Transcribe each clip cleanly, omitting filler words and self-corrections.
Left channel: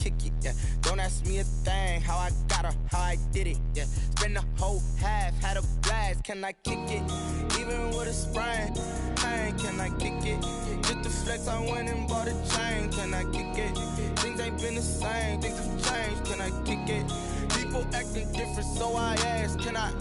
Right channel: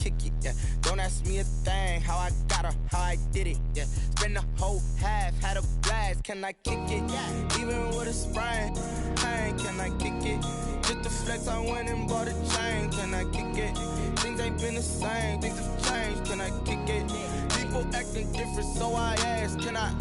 kick it, yeah. Don't ask me a thing, how I got her, how I did it, yeah. Spend the whole half, had a blast, can I kick it? Even with a sprain, pain, can I kick it? Just to flex, I went and bought a chain, can I kick it? Things ain't been the same, things have changed, can I kick it? People acting different, so I ask, can I?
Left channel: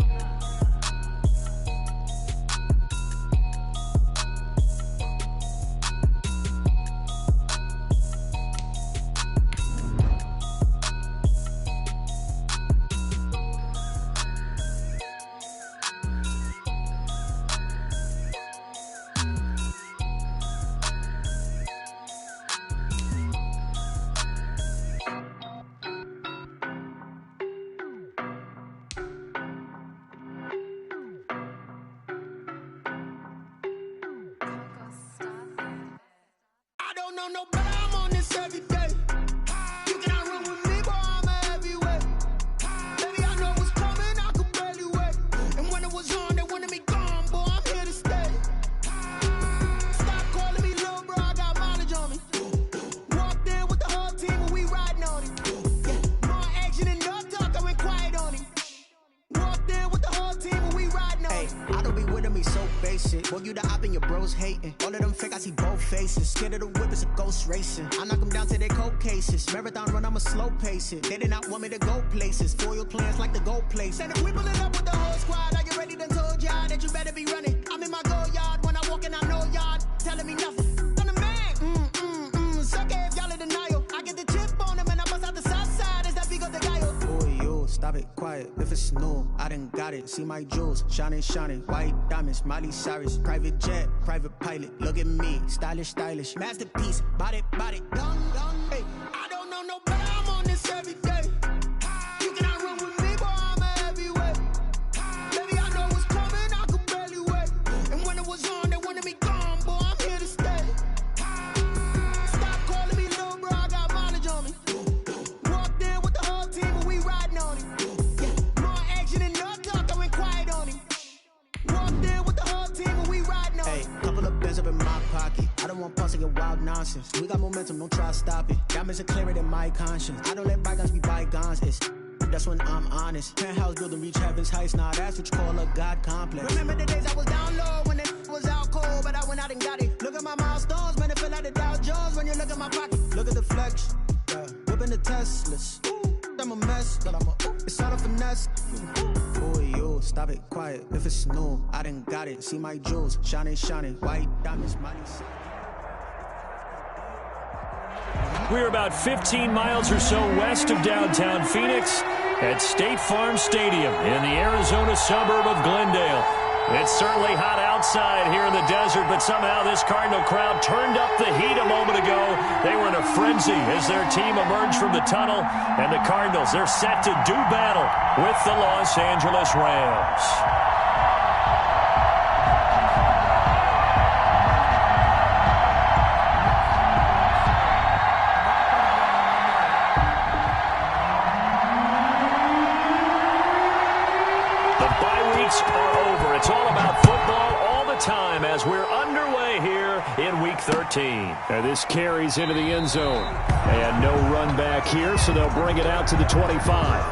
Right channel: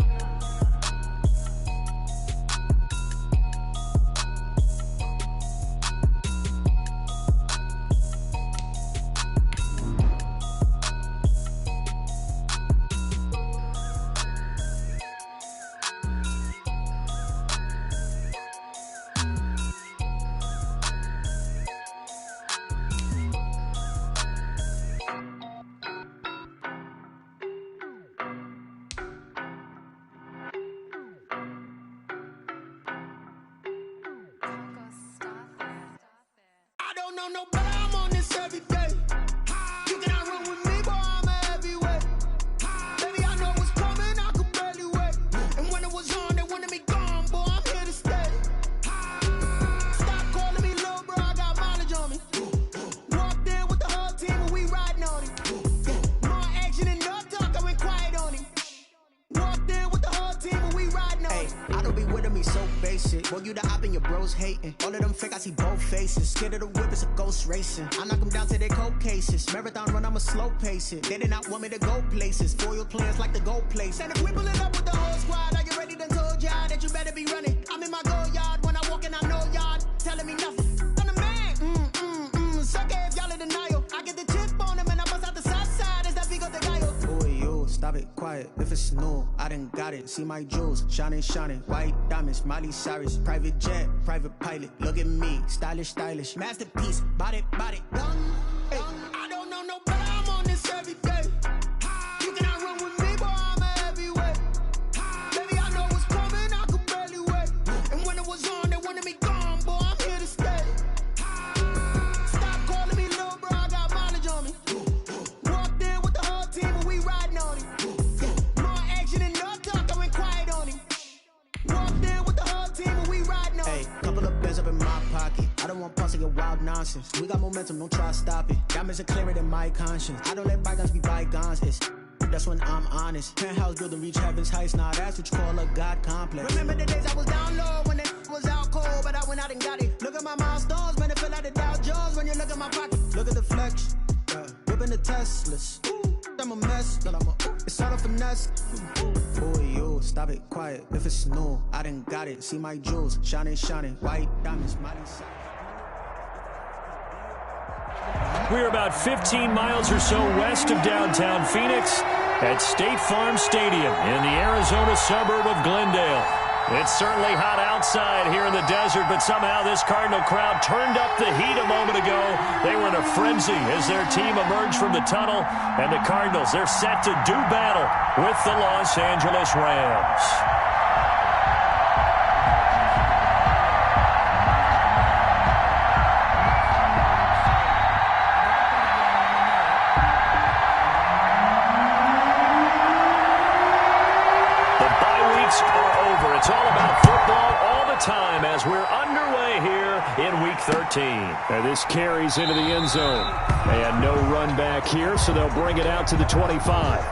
No, but I'm on this every day. You cannot run with me, boy, I'm a heavyweight. Baby, I know what's coming, I could barely wait. And when it was on, they wanted me gone, boy, I'm here to stay. Stop calling me little bro, I got mileage on me. Walked in with the whole team and we riding on it. Yeah, more action and no talk, I went quiet on him. Walked in with the whole team and we riding on it. I don't be with him, he's so basic. Boy, you the op and your bros hating. All of them fake, I see both faces. Scared of the whip, it's a ghost racing. I knock them down to their cold cases. Marathon run, I'ma slow pace it. They did not want me to go places. Foil plans like the gold place. And if we pulling up with the whole squad, I get ready to told y'all that you better be running. I'm in my go yard when I walk in, I know y'all telling me nothing. I'm the man, sucker if y'all in denial. I get the chip on them and I bust out the south side as that big of the guy. Boy, yo, stop it, quiet. If it's new, I done got it. See my jewels, shining, shining. White diamonds, Miley Cyrus. Private jet, private pilot. Look at me, stylish, stylish. Masterpiece, body, young. Hey, I don't know no better, I'm on this every day. You cannot run with me, boy, I'm a heavyweight. Baby, I know what's coming, I could barely wait. And when it was on, they wanted me gone, boy, I'm here to stay. Stop calling me little bro, I got mileage on me. Walked in with the whole team and we riding on it. Yeah, more action and no talk, I went quiet on him. Walked in with the whole team and we riding on it. Hey, couple of bands up in my pocket. I don't want pause to get wild nonsense. We got momentum, don't try to stop it. Diamonds are clearer than my conscience. I don't let bygones be bygones. That's when I'm honest. Penthouse building reach heaven's heights. Now that's what you call a God complex. Remember the days I was down low when it was out cold, but I went out and got it. Look at my milestones, man, it feel like the Dow Jones when you look at my pocket. Look at the flex, yeah. Whipping the Teslas. I'm a mess, but it's all a finesse. Boy, yo, stop it, quiet. If it's new, I done got it. See my jewels, shining, shining. White diamonds, Miley Cyrus. We're about 15 miles or so west of downtown Phoenix at State Farm Stadium in the Arizona suburb of Glendale. It's certainly hot outside here in the desert, but somehow this Cardinal crowd turned up the heat a moment ago. They were in a frenzy as their team emerged from the tunnel, and the Cardinals, they're set to do battle with the Los Angeles Rams. Are over. It's all about football all the time as we're underway here in Week 13. And this carries into the end zone. And no run back here, so they'll bring it out to the 25.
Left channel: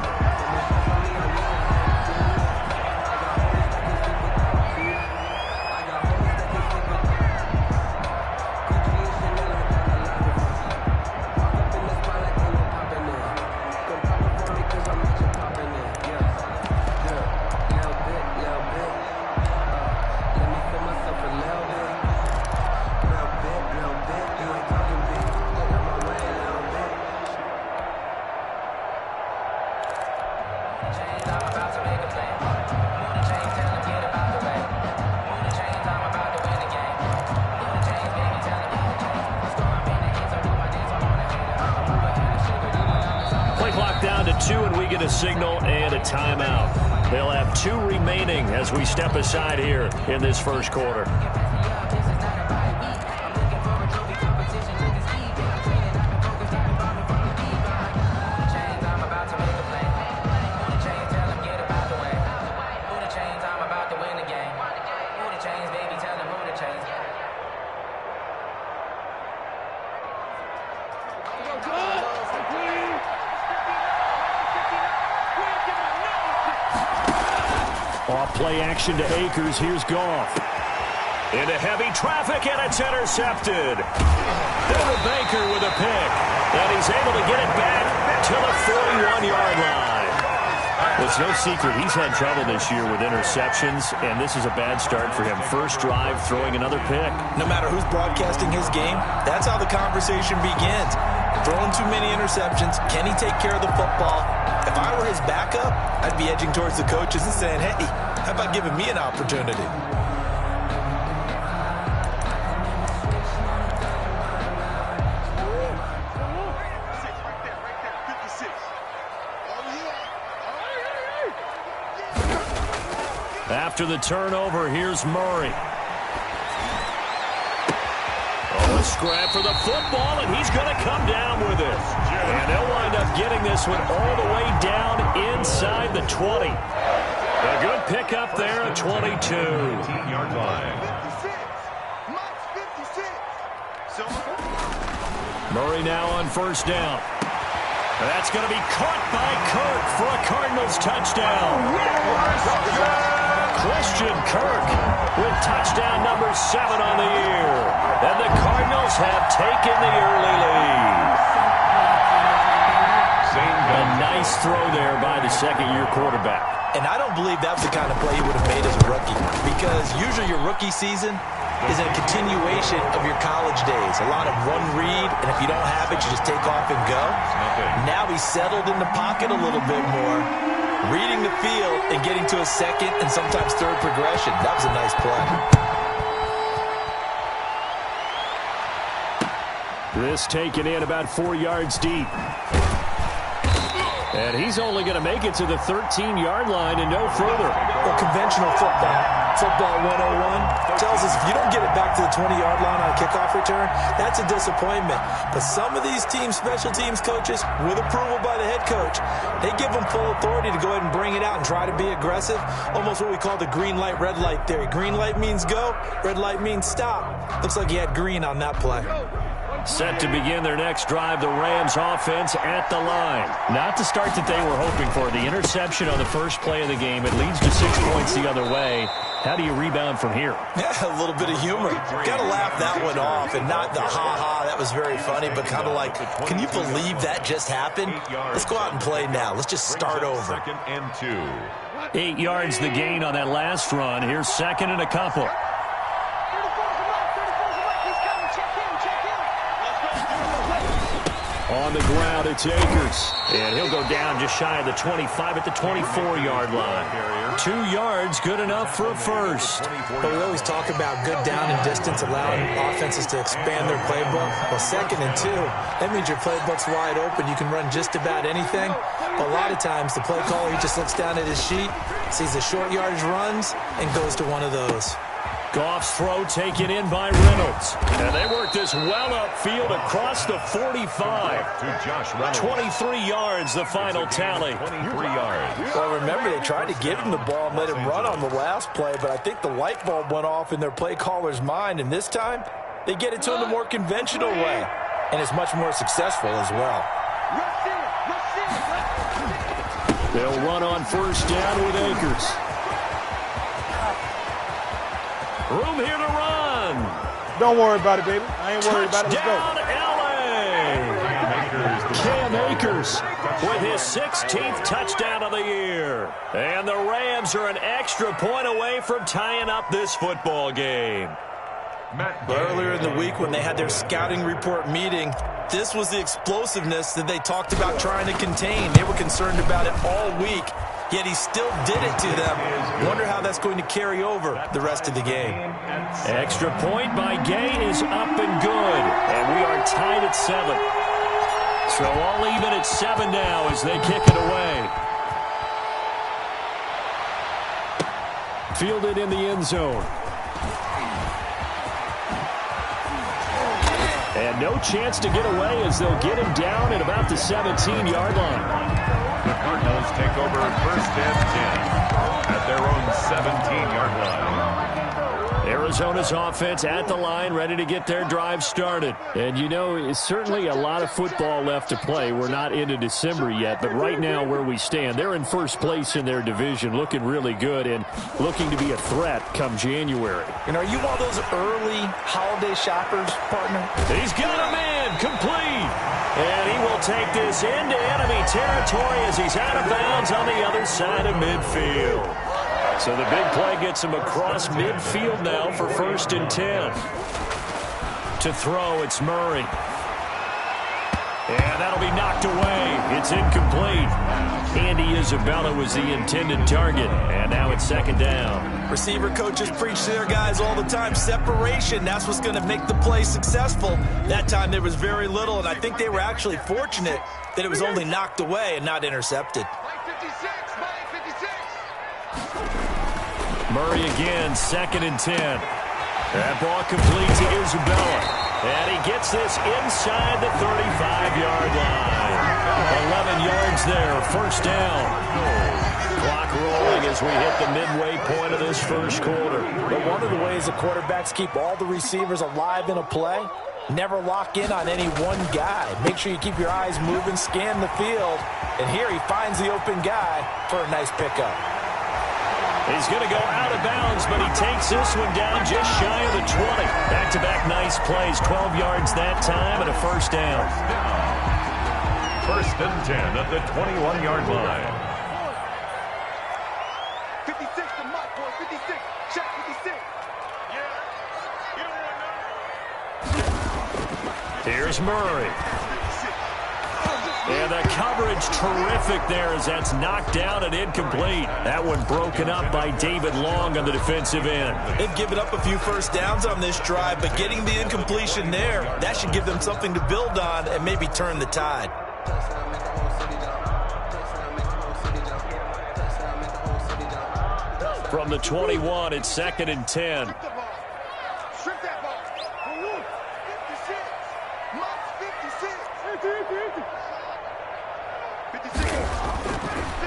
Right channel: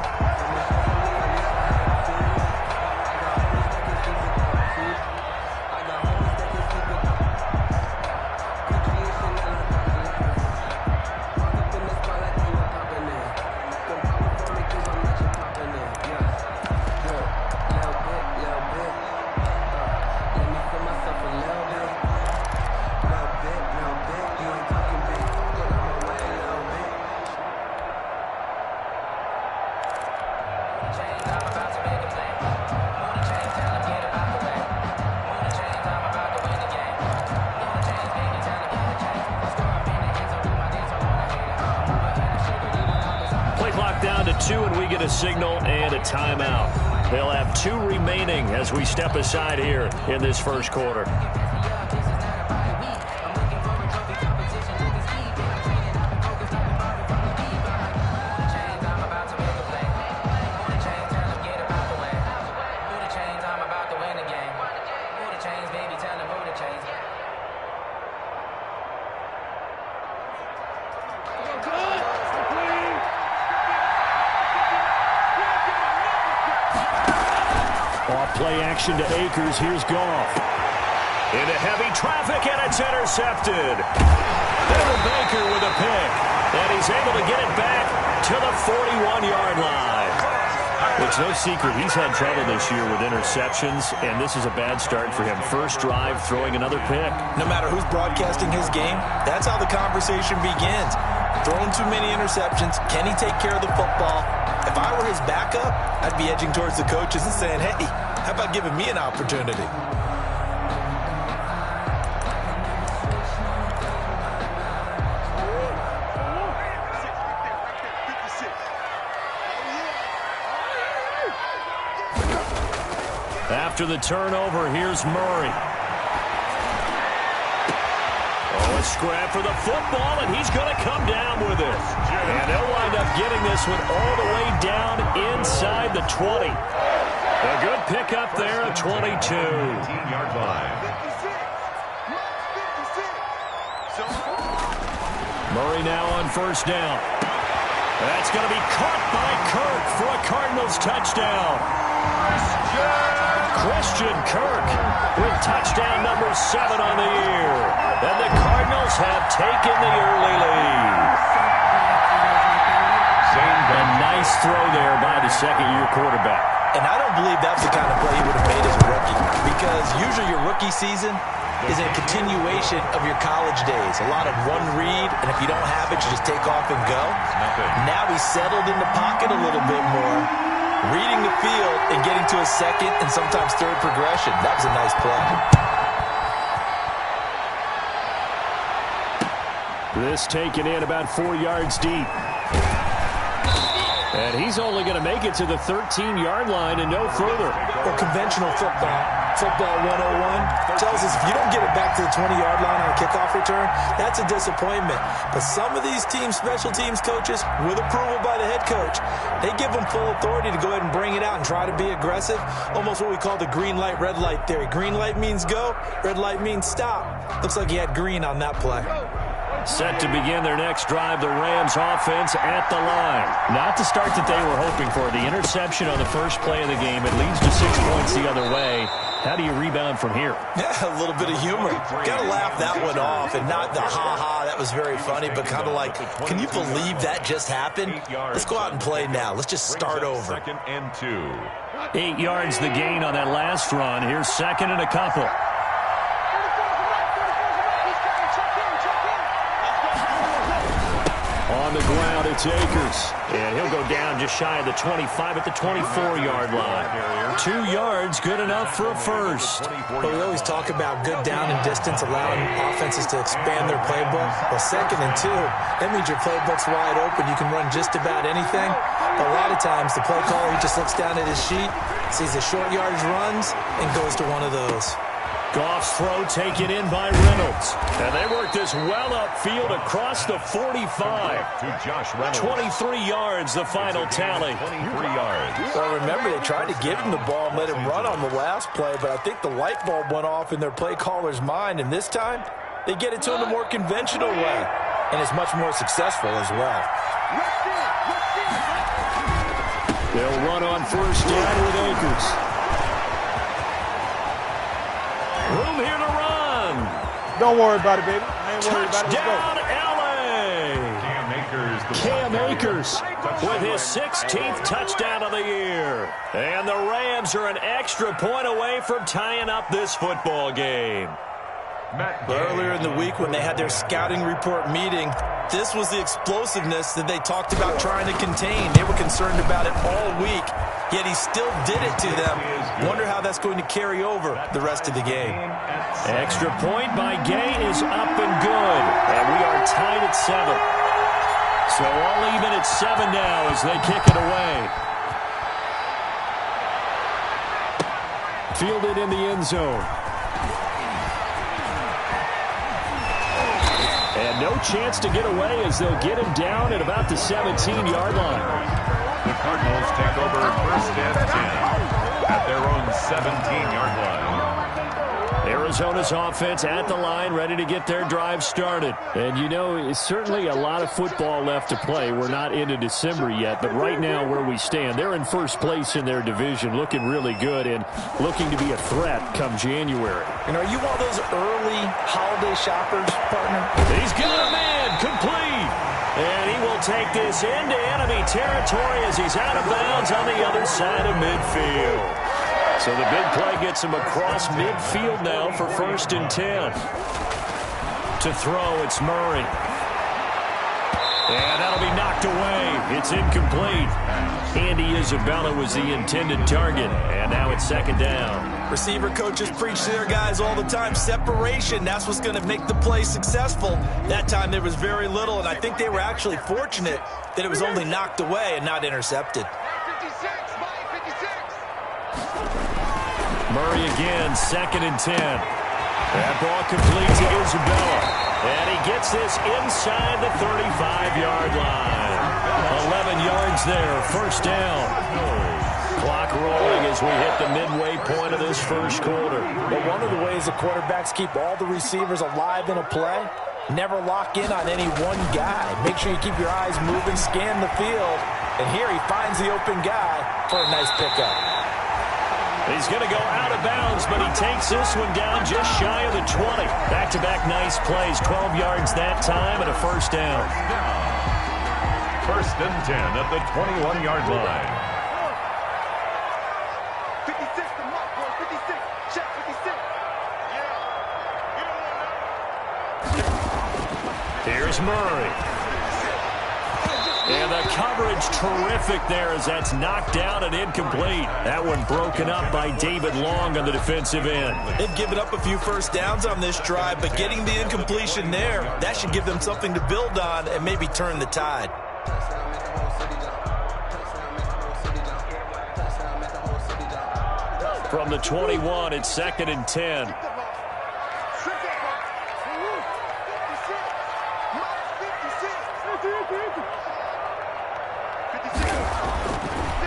Down to 2, and we get a signal and a timeout. They'll have 2 remaining as we step aside here in this first quarter. Off play action to Akers. Here's Goff. Into heavy traffic, and it's intercepted. Devin Baker with a pick. And he's able to get it back to the 41-yard line. It's no secret he's had trouble this year with interceptions, and this is a bad start for him. First drive, throwing another pick. No matter who's broadcasting his game, that's how the conversation begins. Throwing too many interceptions. Can he take care of the football? If I were his backup, I'd be edging towards the coaches and saying, hey, how about giving me an opportunity? After the turnover, here's Murray. Oh, a scrap for the football, and he's going to come down with it. And they'll wind up getting this one all the way down inside the 20. A good pickup there at 22. 18-yard line. Murray now on first down. That's going to be caught by Kirk for a Cardinals touchdown. Christian Kirk with touchdown number 7 on the year. And the Cardinals have taken the early lead. A nice throw there by the second-year quarterback. And I don't believe that's the kind of play he would have made as a rookie, because usually your rookie season is a continuation of your college days. A lot of one read, and if you don't have it, you just take off and go. Now he's settled in the pocket a little bit more, reading the field and getting to a second and sometimes third progression. That was a nice play. This taken in about 4 yards deep. And he's only going to make it to the 13-yard line and no further. Well, conventional football 101, tells us if you don't get it back to the 20-yard line on a kickoff return, that's a disappointment. But some of these special teams coaches, with approval by the head coach, they give them full authority to go ahead and bring it out and try to be aggressive. Almost what we call the green light, red light theory. Green light means go, red light means stop. Looks like he had green on that play. Set to begin their next drive, the Rams offense at the line. Not the start that they were hoping for. The interception on the first play of the game. It leads to 6 points the other way. How do you rebound from here? Yeah, a little bit of humor. Got to laugh that one off, and not the ha-ha, that was very funny, but kind of like, can you believe that just happened? Let's go out and play now. Let's just start over. 2nd and 2. 8 yards the gain on that last run. Here's 2nd and a couple. On the ground, it's Akers. And he'll go down just shy of the 25 at the 24-yard line. 2 yards, good enough for a first. Well, we always talk about good down and distance, allowing offenses to expand their playbook. Well, 2nd and 2, that means your playbook's wide open. You can run just about anything. But a lot of times, the play caller, he just looks down at his sheet, sees the short yardage runs, and goes to one of those. Goff's throw taken in by Reynolds. And they work this well upfield across the 45. To Josh Reynolds. 23 yards, the final tally. 23 yards. Well, remember, they tried to give him the ball and let him run on the last play, but I think the light bulb went off in their play caller's mind, and this time, they get it to him the more conventional way, and it's much more successful as well. They'll run on first down with Akers. Room here to run. Don't worry about it, baby. I ain't worried about it. Let's go. Touchdown, LA. Cam Akers with his 16th touchdown of the year. And the Rams are an extra point away from tying up this football game. Earlier in the week when they had their scouting report meeting, this was the explosiveness that they talked about trying to contain. They were concerned about it all week, yet he still did it to them. Wonder how that's going to carry over the rest of the game. Extra point by Gay is up and good, and we are tied at 7. So all even at 7 now as they kick it away. Fielded in the end zone. And no chance to get away as they'll get him down at about the 17-yard line. The Cardinals take over 1st and 10 at their own 17-yard line. Arizona's offense at the line, ready to get their drive started. And, you know, it's certainly a lot of football left to play. We're not into December yet, but right now where we stand, they're in first place in their division, looking really good and looking to be a threat come January. And are you one of those early holiday shoppers, partner? He's got a man complete. And he will take this into enemy territory as he's out of bounds on the other side of midfield. So the big play gets him across midfield now for 1st and 10. To throw, it's Murray. And that'll be knocked away. It's incomplete. Andy Isabella was the intended target. And now it's 2nd down. Receiver coaches preach to their guys all the time. Separation, that's what's going to make the play successful. That time there was very little, and I think they were actually fortunate that it was only knocked away and not intercepted. Murray again, 2nd and 10. That ball complete to Isabella. And he gets this inside the 35-yard line. 11 yards there, 1st down. Clock rolling as we hit the midway point of this 1st quarter. But one of the ways the quarterbacks keep all the receivers alive in a play, never lock in on any one guy. Make sure you keep your eyes moving, scan the field. And here he finds the open guy for a nice pickup. He's going to go out of bounds, but he takes this one down just shy of the 20. Back-to-back nice plays, 12 yards that time and a 1st down. 1st and 10 at the 21-yard line. 56 to Mike, boy. 56. Check 56. Yeah. You don't want to know. Here's Murray. And the coverage terrific there as that's knocked down and incomplete. That one broken up by David Long on the defensive end. They've given up a few 1st downs on this drive, but getting the incompletion there, that should give them something to build on and maybe turn the tide. From the 21, it's 2nd and 10.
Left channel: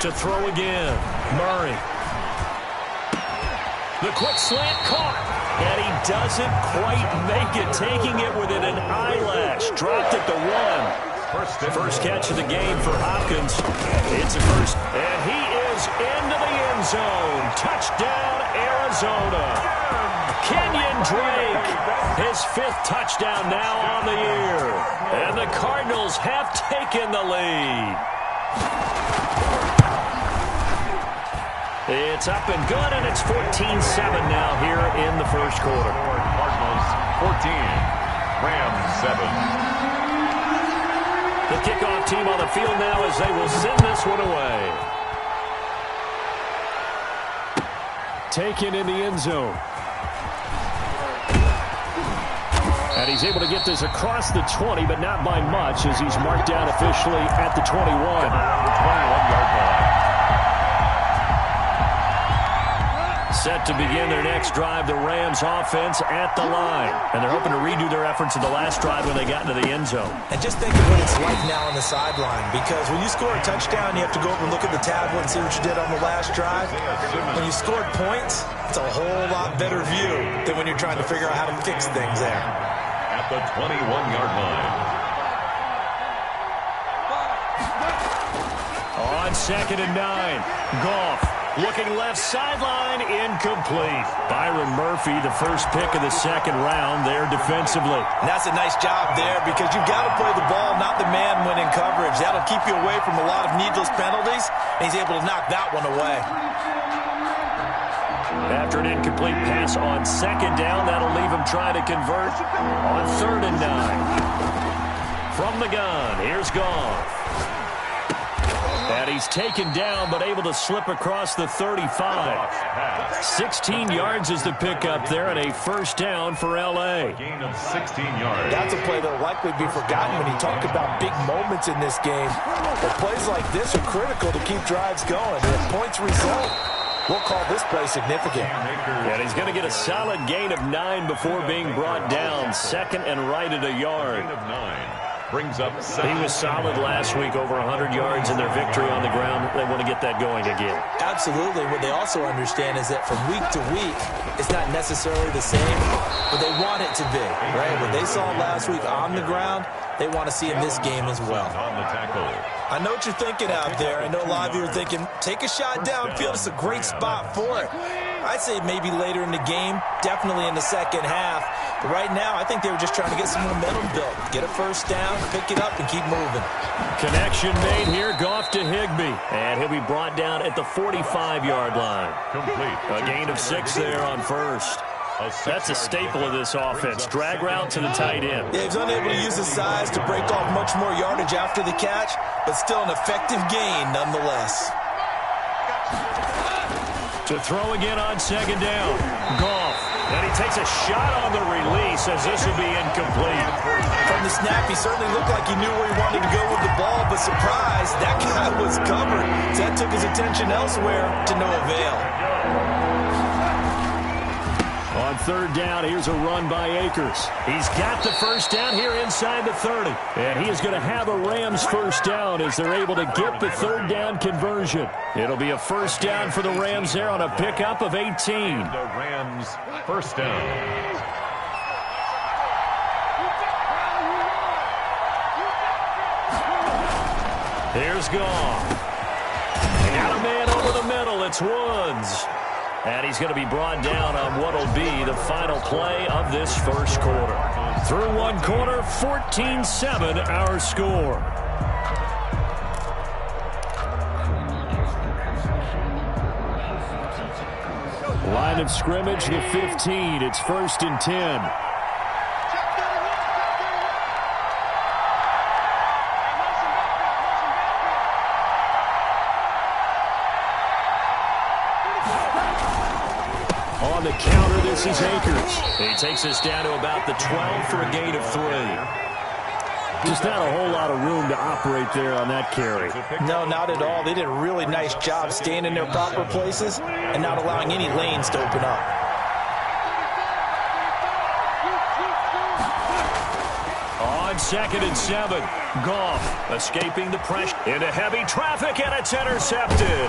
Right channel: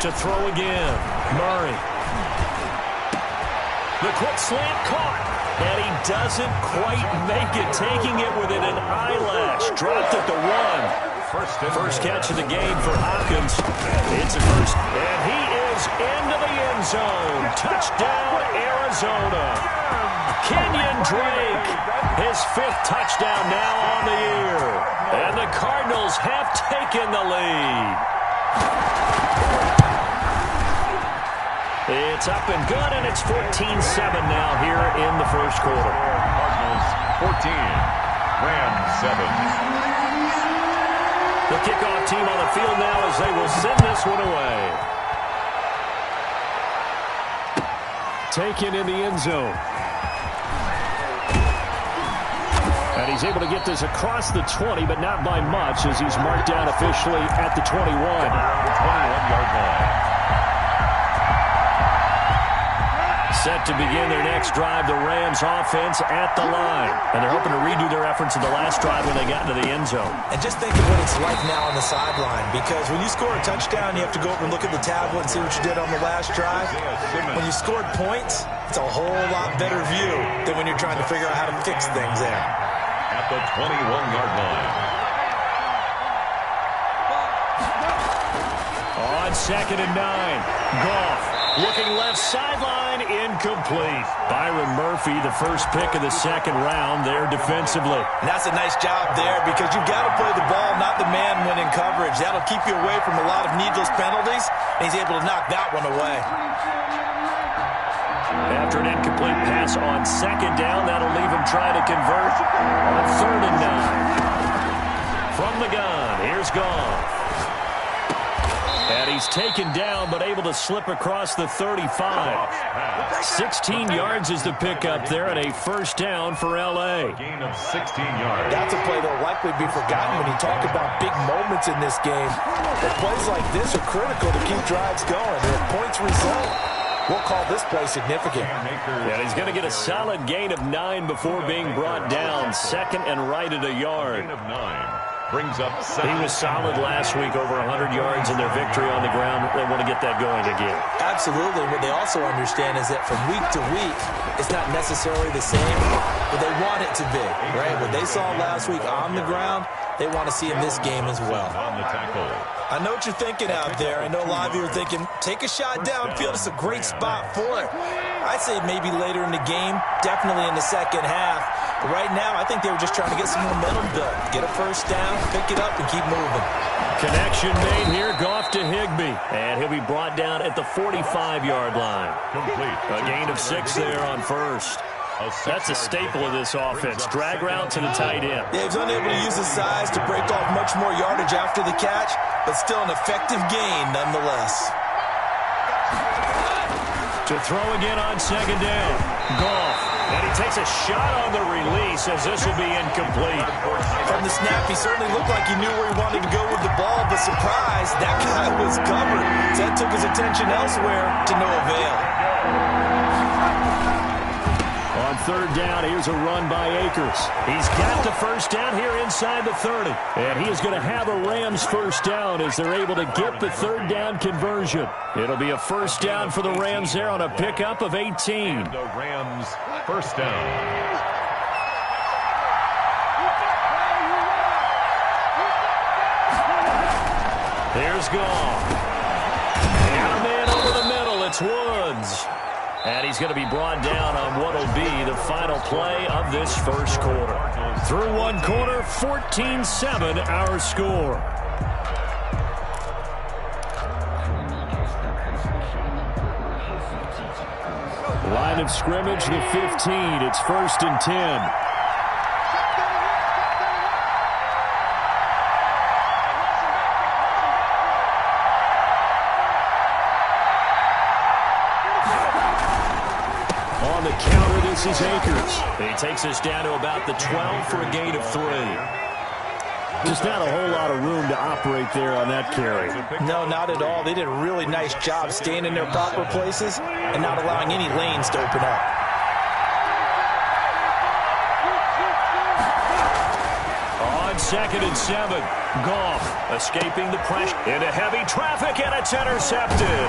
To throw again, Murray. The quick slant caught, and he doesn't quite make it, taking it within an eyelash. Dropped at the 1. First catch of the game for Hopkins. It's a first, and he is into the end zone. Touchdown, Arizona. Kenyon Drake, his 5th touchdown now on the year. And the Cardinals have taken the lead. It's up and good, and it's 14-7 now here in the 1st quarter. Cardinals 14, Rams 7. The kickoff team on the field now as they will send this one away. Taken in the end zone. And he's able to get this across the 20, but not by much as he's marked down officially at the 21. 21-yard line. Set to begin their next drive, the Rams offense at the line. And they're hoping to redo their efforts in the last drive when they got into the end zone. And just think of what it's like now on the sideline, because when you score a touchdown, you have to go over and look at the tablet and see what you did on the last drive. When you scored points, it's a whole lot better view than when you're trying to figure out how to fix things there. At the 21-yard line. On 2nd and 9, Goff looking left sideline, incomplete. Byron Murphy, the first pick of the 2nd round there defensively. And that's a nice job there because you've got to play the ball, not the man when in coverage. That'll keep you away from a lot of needless penalties, and he's able to knock that one away. After an incomplete pass on 2nd down, that'll leave him trying to convert on 3rd and 9. From the gun, here's Goff. And he's taken down, but able to slip across the 35. 16 yards is the pickup there, and a 1st down for L.A. A gain of 16 yards. That's a play that will likely be forgotten when you talk about big moments in this game. But plays like this are critical to keep drives going. And if points result, we'll call this play significant. And he's going to get a solid gain of 9 before being brought down. 2nd and right at a yard. Gain of 9. brings up He was solid last week, over 100 yards in their victory on the ground. They want to get that going again. Absolutely. What they also understand is that from week to week, it's not necessarily the same, but they want it to be, right? What they saw last week on the ground, they want to see in this game as well. On the tackle. I know what you're thinking out there. I know a lot of you are thinking, take a shot downfield. It's a great spot for it. I'd say maybe later in the game, definitely in the second half. But right now, I think they were just trying to get some momentum built. Get a first down, pick it up, and keep moving. Connection made here. Goff to Higbee. And he'll be brought down at the 45-yard line. Complete. A gain of 6 there on first. That's a staple of this offense. Drag route to the tight end. Yeah, he's unable to use his size to break off much more yardage after the catch, but still an effective gain nonetheless. To throw again on second down. Goff. And he takes a shot on the release as this will be incomplete. From the snap, he certainly looked like he knew where he wanted to go with the ball, but surprise, that guy was covered. So that took his attention elsewhere to no avail. On third down, here's a run by Akers. He's got the first down here inside the 30. And he is going to have a Rams first down as they're able to get the third down conversion. It'll be a first down for the Rams there on a pickup of 18. The Rams first down. Here's Goff. Got a man over the middle. It's Woods. And he's going to be brought down on what will be the final play of this first quarter. Through one quarter, 14-7 our score. Line of scrimmage, the 15. It's 1st and 10. On the counter, this is Akers. He takes us down to about the 12 for a gain of 3. Just not a whole lot of room to operate there on that carry. No, not at all. They did a really nice job staying in their proper places and not allowing any lanes to open up. On 2nd and 7, Goff escaping the pressure into heavy traffic, and it's intercepted.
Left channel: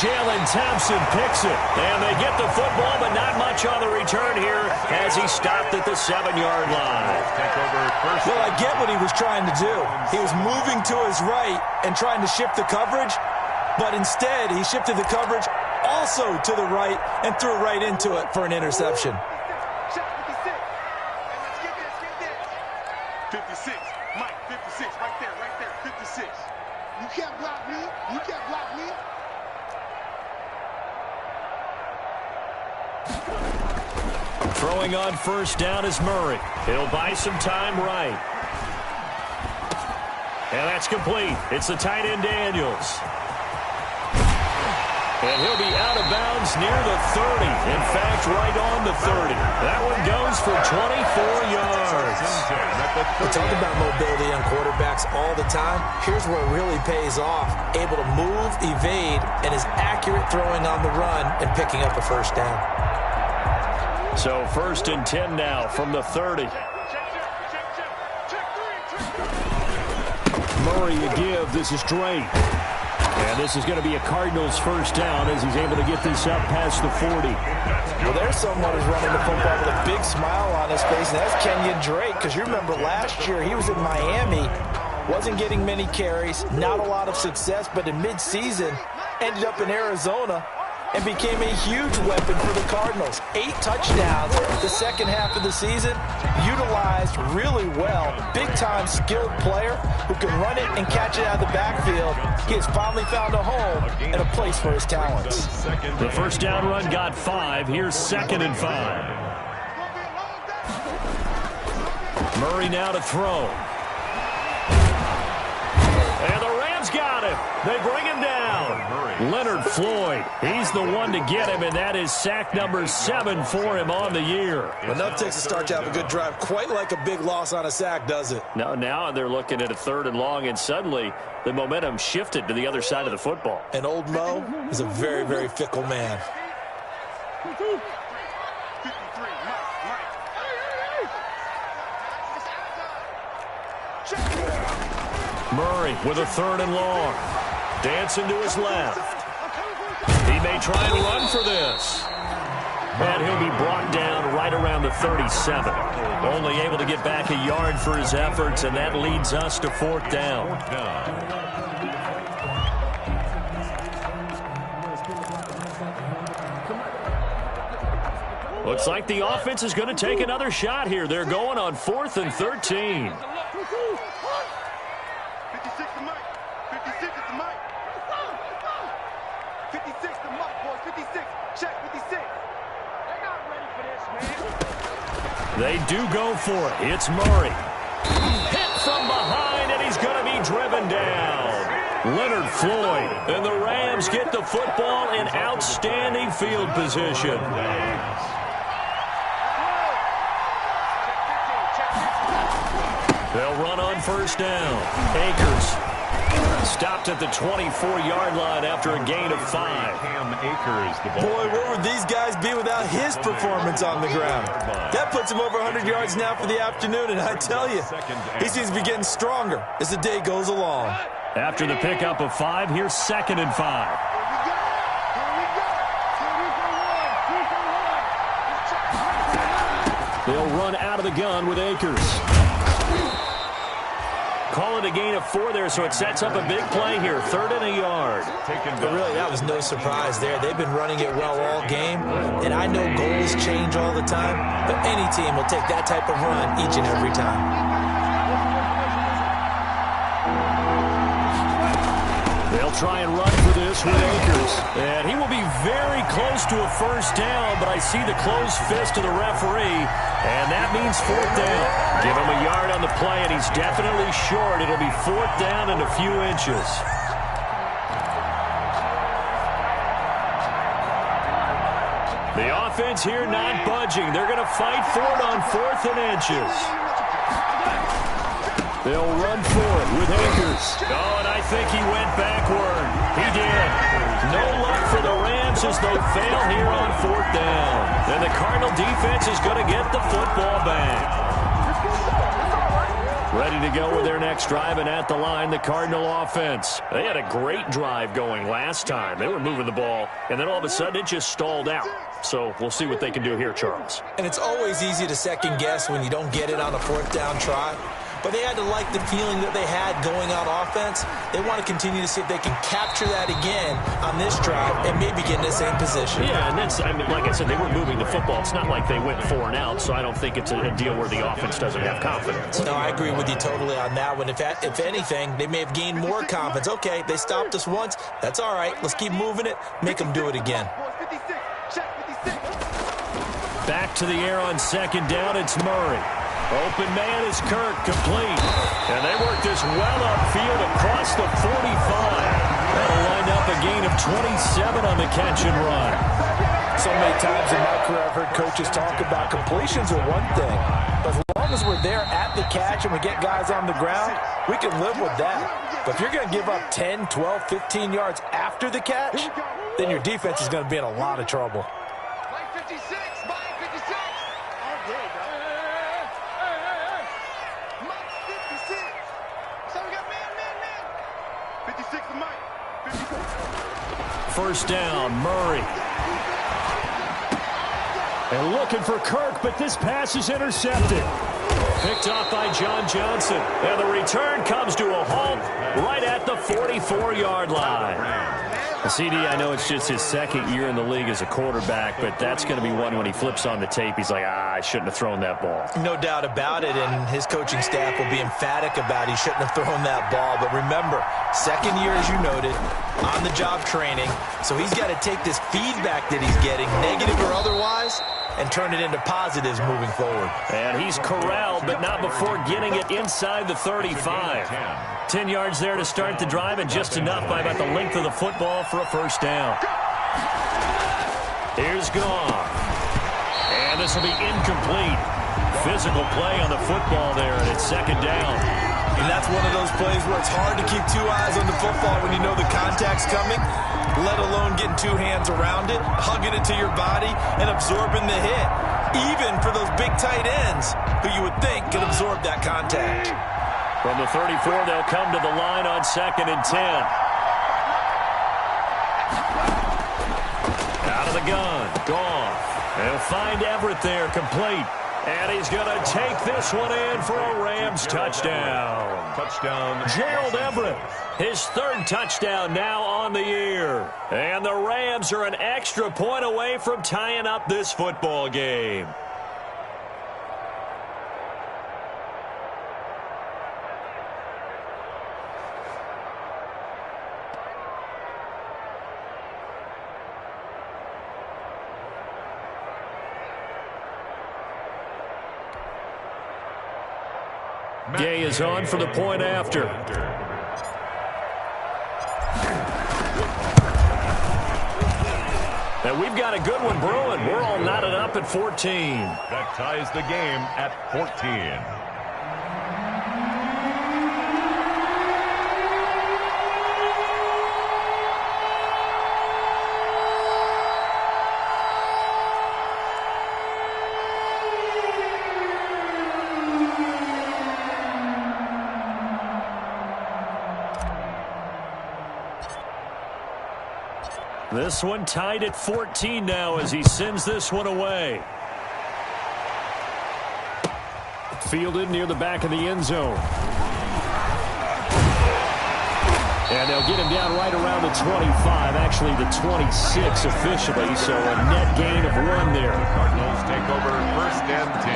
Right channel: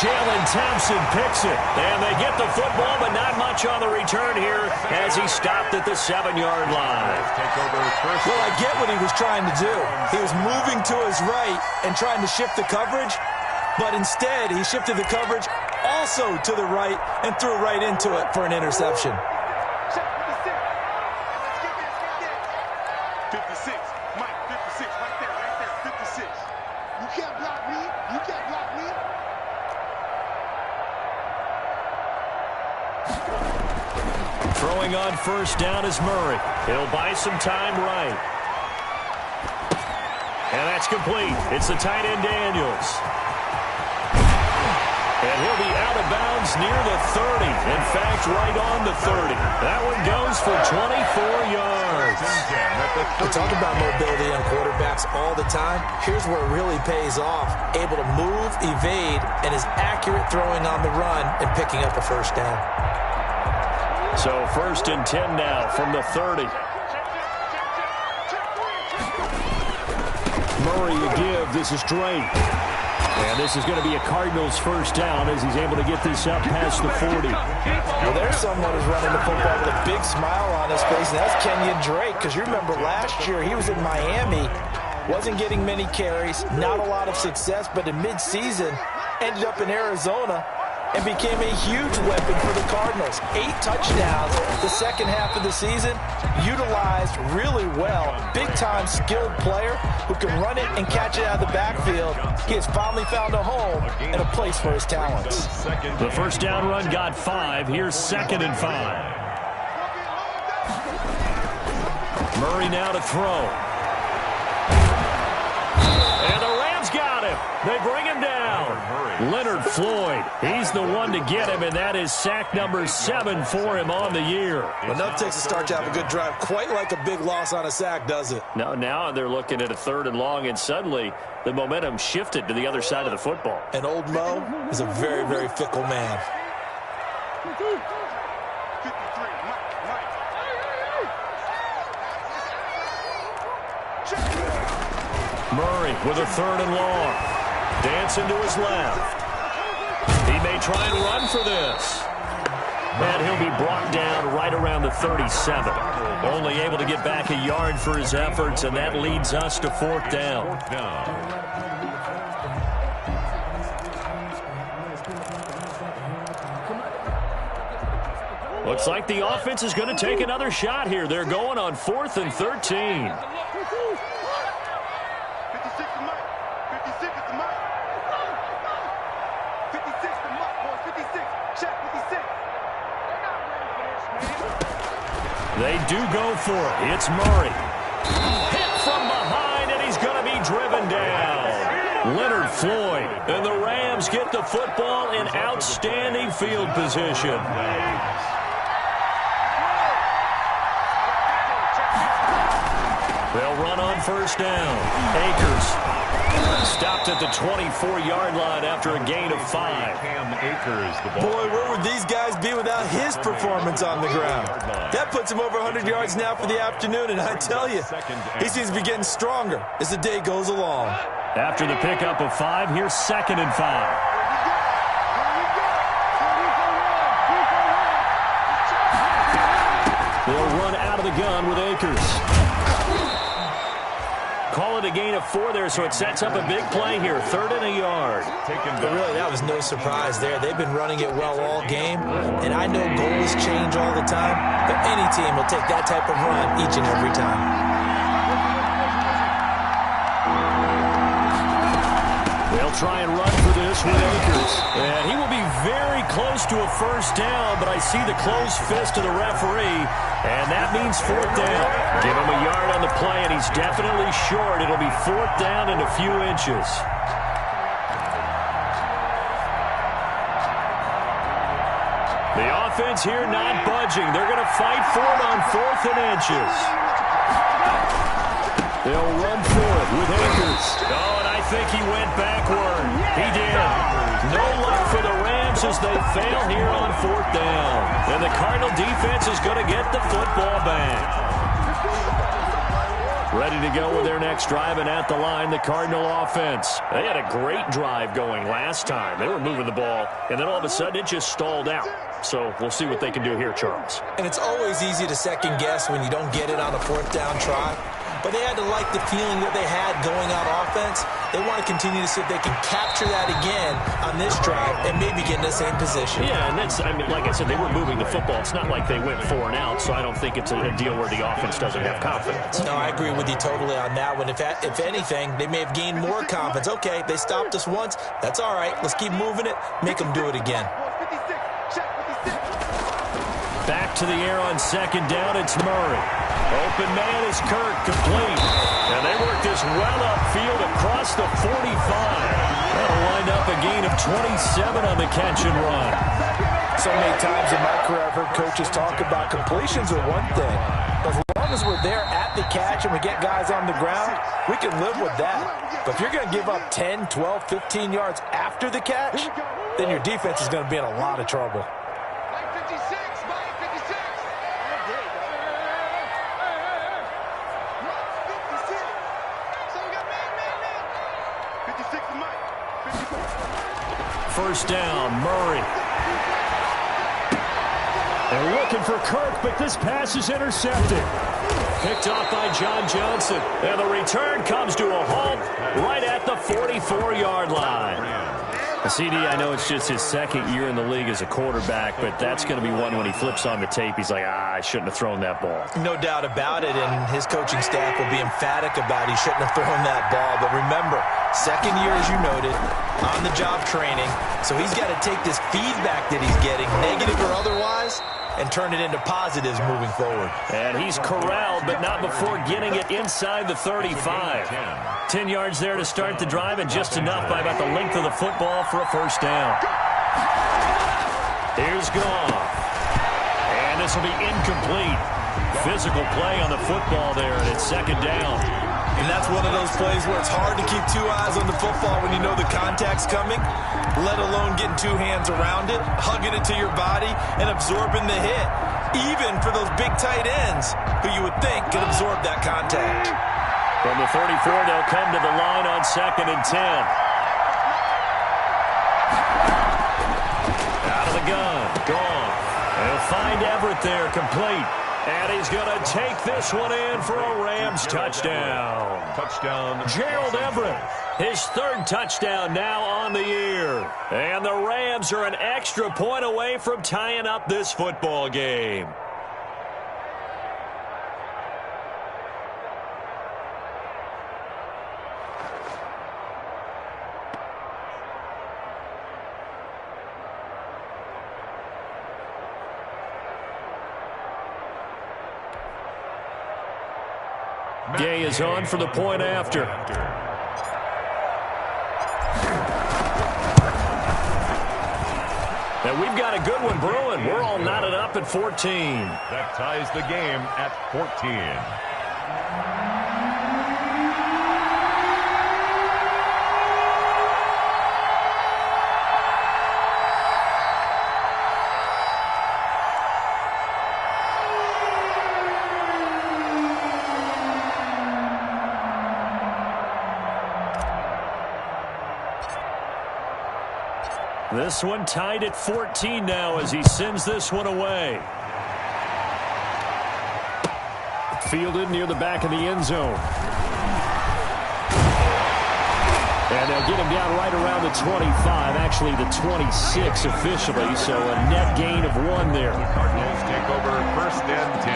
Jalen Thompson picks it, and they get the football, but not much on the return here as he stopped at the 7-yard line. Well, I get what he was trying to do. He was moving to his right and trying to shift the coverage, but instead he shifted the coverage also to the right and threw right into it for an interception. 56, Mike, 56, right there, 56. You can't block me, you can't block me. Throwing on first down is Murray. He'll buy some time right. And that's complete. It's the tight end Daniels. And he'll be out of bounds near the 30. In fact, right on the 30. That one goes for 24 yards. We talk about mobility on quarterbacks all the time. Here's where it really pays off. Able to move, evade, and is accurate throwing on the run and picking up a first down. So 1st and 10 now from the 30. Murray a give. This is Drake. And this is going to be a Cardinals first down as he's able to get this up past the 40. Well, there's someone who's running the football with a big smile on his face, and that's Kenyon Drake, because you remember last year he was in Miami, wasn't getting many carries, not a lot of success, but in midseason ended up in Arizona and became a huge weapon for the Cardinals. 8 touchdowns the second half of the season, utilized really well. Big-time skilled player who can run it and catch it out of the backfield. He has finally found a home and a place for his talents. The first down run got 5. Here's 2nd and 5. Murray now to throw. And the Rams got him. They bring him down. Leonard Floyd, he's the one to get him, and that is sack number 7 for him on the year. Enough takes a start to have a good drive. Quite like a big loss on a sack, does it? Now they're looking at a 3rd and long, and suddenly the momentum shifted to the other side of the football. And old Mo is a very, very fickle man. 53, Mike. Murray with a 3rd and long. Dancing to his left. He may try and run for this. And he'll be brought down right around the 37. Only able to get back a yard for his efforts, and that leads us to 4th down. Looks like the offense is going to take another shot here. They're going on 4th and 13. 56 to Mike. 56 is to Mike. 56 to Mike, boys. 56. Check 56. They're not ready for this, man. They do go for it. It's Murray. Hit from behind, and he's going to be driven down. Leonard Floyd. And the Rams get the football in outstanding field position. They'll run on 1st down. Akers stopped at the 24-yard line after a gain of 5. Boy, where would these guys be without his performance on the ground? That puts him over 100 yards now for the afternoon, and I tell you, he seems to be getting stronger as the day goes along. After the pickup of 5, here's 2nd and 5. They'll run out of the gun with Akers. Call it a gain of 4 there, so it sets up a big play here. 3rd and a yard. But really, that was no surprise there. They've been running it well all game, and I know goals change all the time, but any team will take that type of run each and every time. They'll try and run for this with Akers. And he will be very close to a 1st down, but I see the closed fist of the referee, and that means 4th down. Give him a yard on the play, and he's definitely short. It'll be 4th down and a few inches. The offense here not budging. They're going to fight for it on 4th and inches. They'll run for it with Akers. Oh, and I think he went backward. He did. No luck for the Rams as they fail here on 4th down. And the Cardinal defense is going to get the football back. Ready to go with their next drive, and at the line, the Cardinal offense. They had a great drive going last time. They were moving the ball, and then all of a sudden it just stalled out. So we'll see what they can do here, Charles. And it's always easy to second guess when you don't get it on a 4th down try. But they had to like the feeling that they had going on offense. They want to continue to see if they can capture that again on this drive and maybe get in the same position. Yeah, and that's, I mean, like I said, they were moving the football. It's not like they went 4 and out, so I don't think it's a deal where the offense doesn't have confidence. No, I agree with you totally on that one. If anything, they may have gained more confidence. Okay, they stopped us once. That's all right. Let's keep moving it. Make them do it again. Back to the air on 2nd down. It's Murray. Open man is Kirk, complete. And they work this well upfield across the 45. That'll wind up a gain of 27 on the catch and run. So many times in my career I've heard coaches talk about completions are one thing. But as long as we're there at the catch and we get guys on the ground, we can live with that. But if you're going to give up 10, 12, 15 yards after the catch, then your defense is going to be in a lot of trouble. Mike 56, Mike 56. All day, dog. Mike 56. So we got man. 56 to Mike. 56. 1st down, Murray. And looking for Kirk, but this pass is intercepted. Picked off by John Johnson. And the return comes to a halt right at the 44-yard line. CD, I know it's just his 2nd year in the league as a quarterback, but that's going to be one when he flips on the tape. He's like, I shouldn't have thrown that ball. No doubt about it, and his coaching staff will be emphatic about he shouldn't have thrown that ball. But remember, 2nd year, as you noted, on-the-job training, so he's got to take this feedback that he's getting, negative or otherwise, and turn it into positives moving forward. And he's corralled, but not before getting it inside the 35. 10 yards there to start the drive, and just enough by about the length of the football for a 1st down. Here's Goff. And this will be incomplete. Physical play on the football there, and it's 2nd down. And that's one of those plays where it's hard to keep 2 eyes on the football when you know the contact's coming, let alone getting 2 hands around it, hugging it to your body, and absorbing the hit. Even for those big tight ends who you would think could absorb that contact. From the 34, they'll come to the line on 2nd and 10. Out of the gun. Gone. They'll find Everett there, complete. And he's going to take this one in for a Rams touchdown. Touchdown. Gerald Everett, his 3rd touchdown now on the year. And the Rams are an extra point away from tying up this football game. Gay is on for the point after. And we've got a good one brewing. We're all knotted up at 14. That ties the game at 14. This one tied at 14 now as he sends this one away. Fielded near the back of the end zone. And they'll get him down right around the 25, actually the 26 officially, so a net gain of 1 there. The Cardinals take over 1st and 10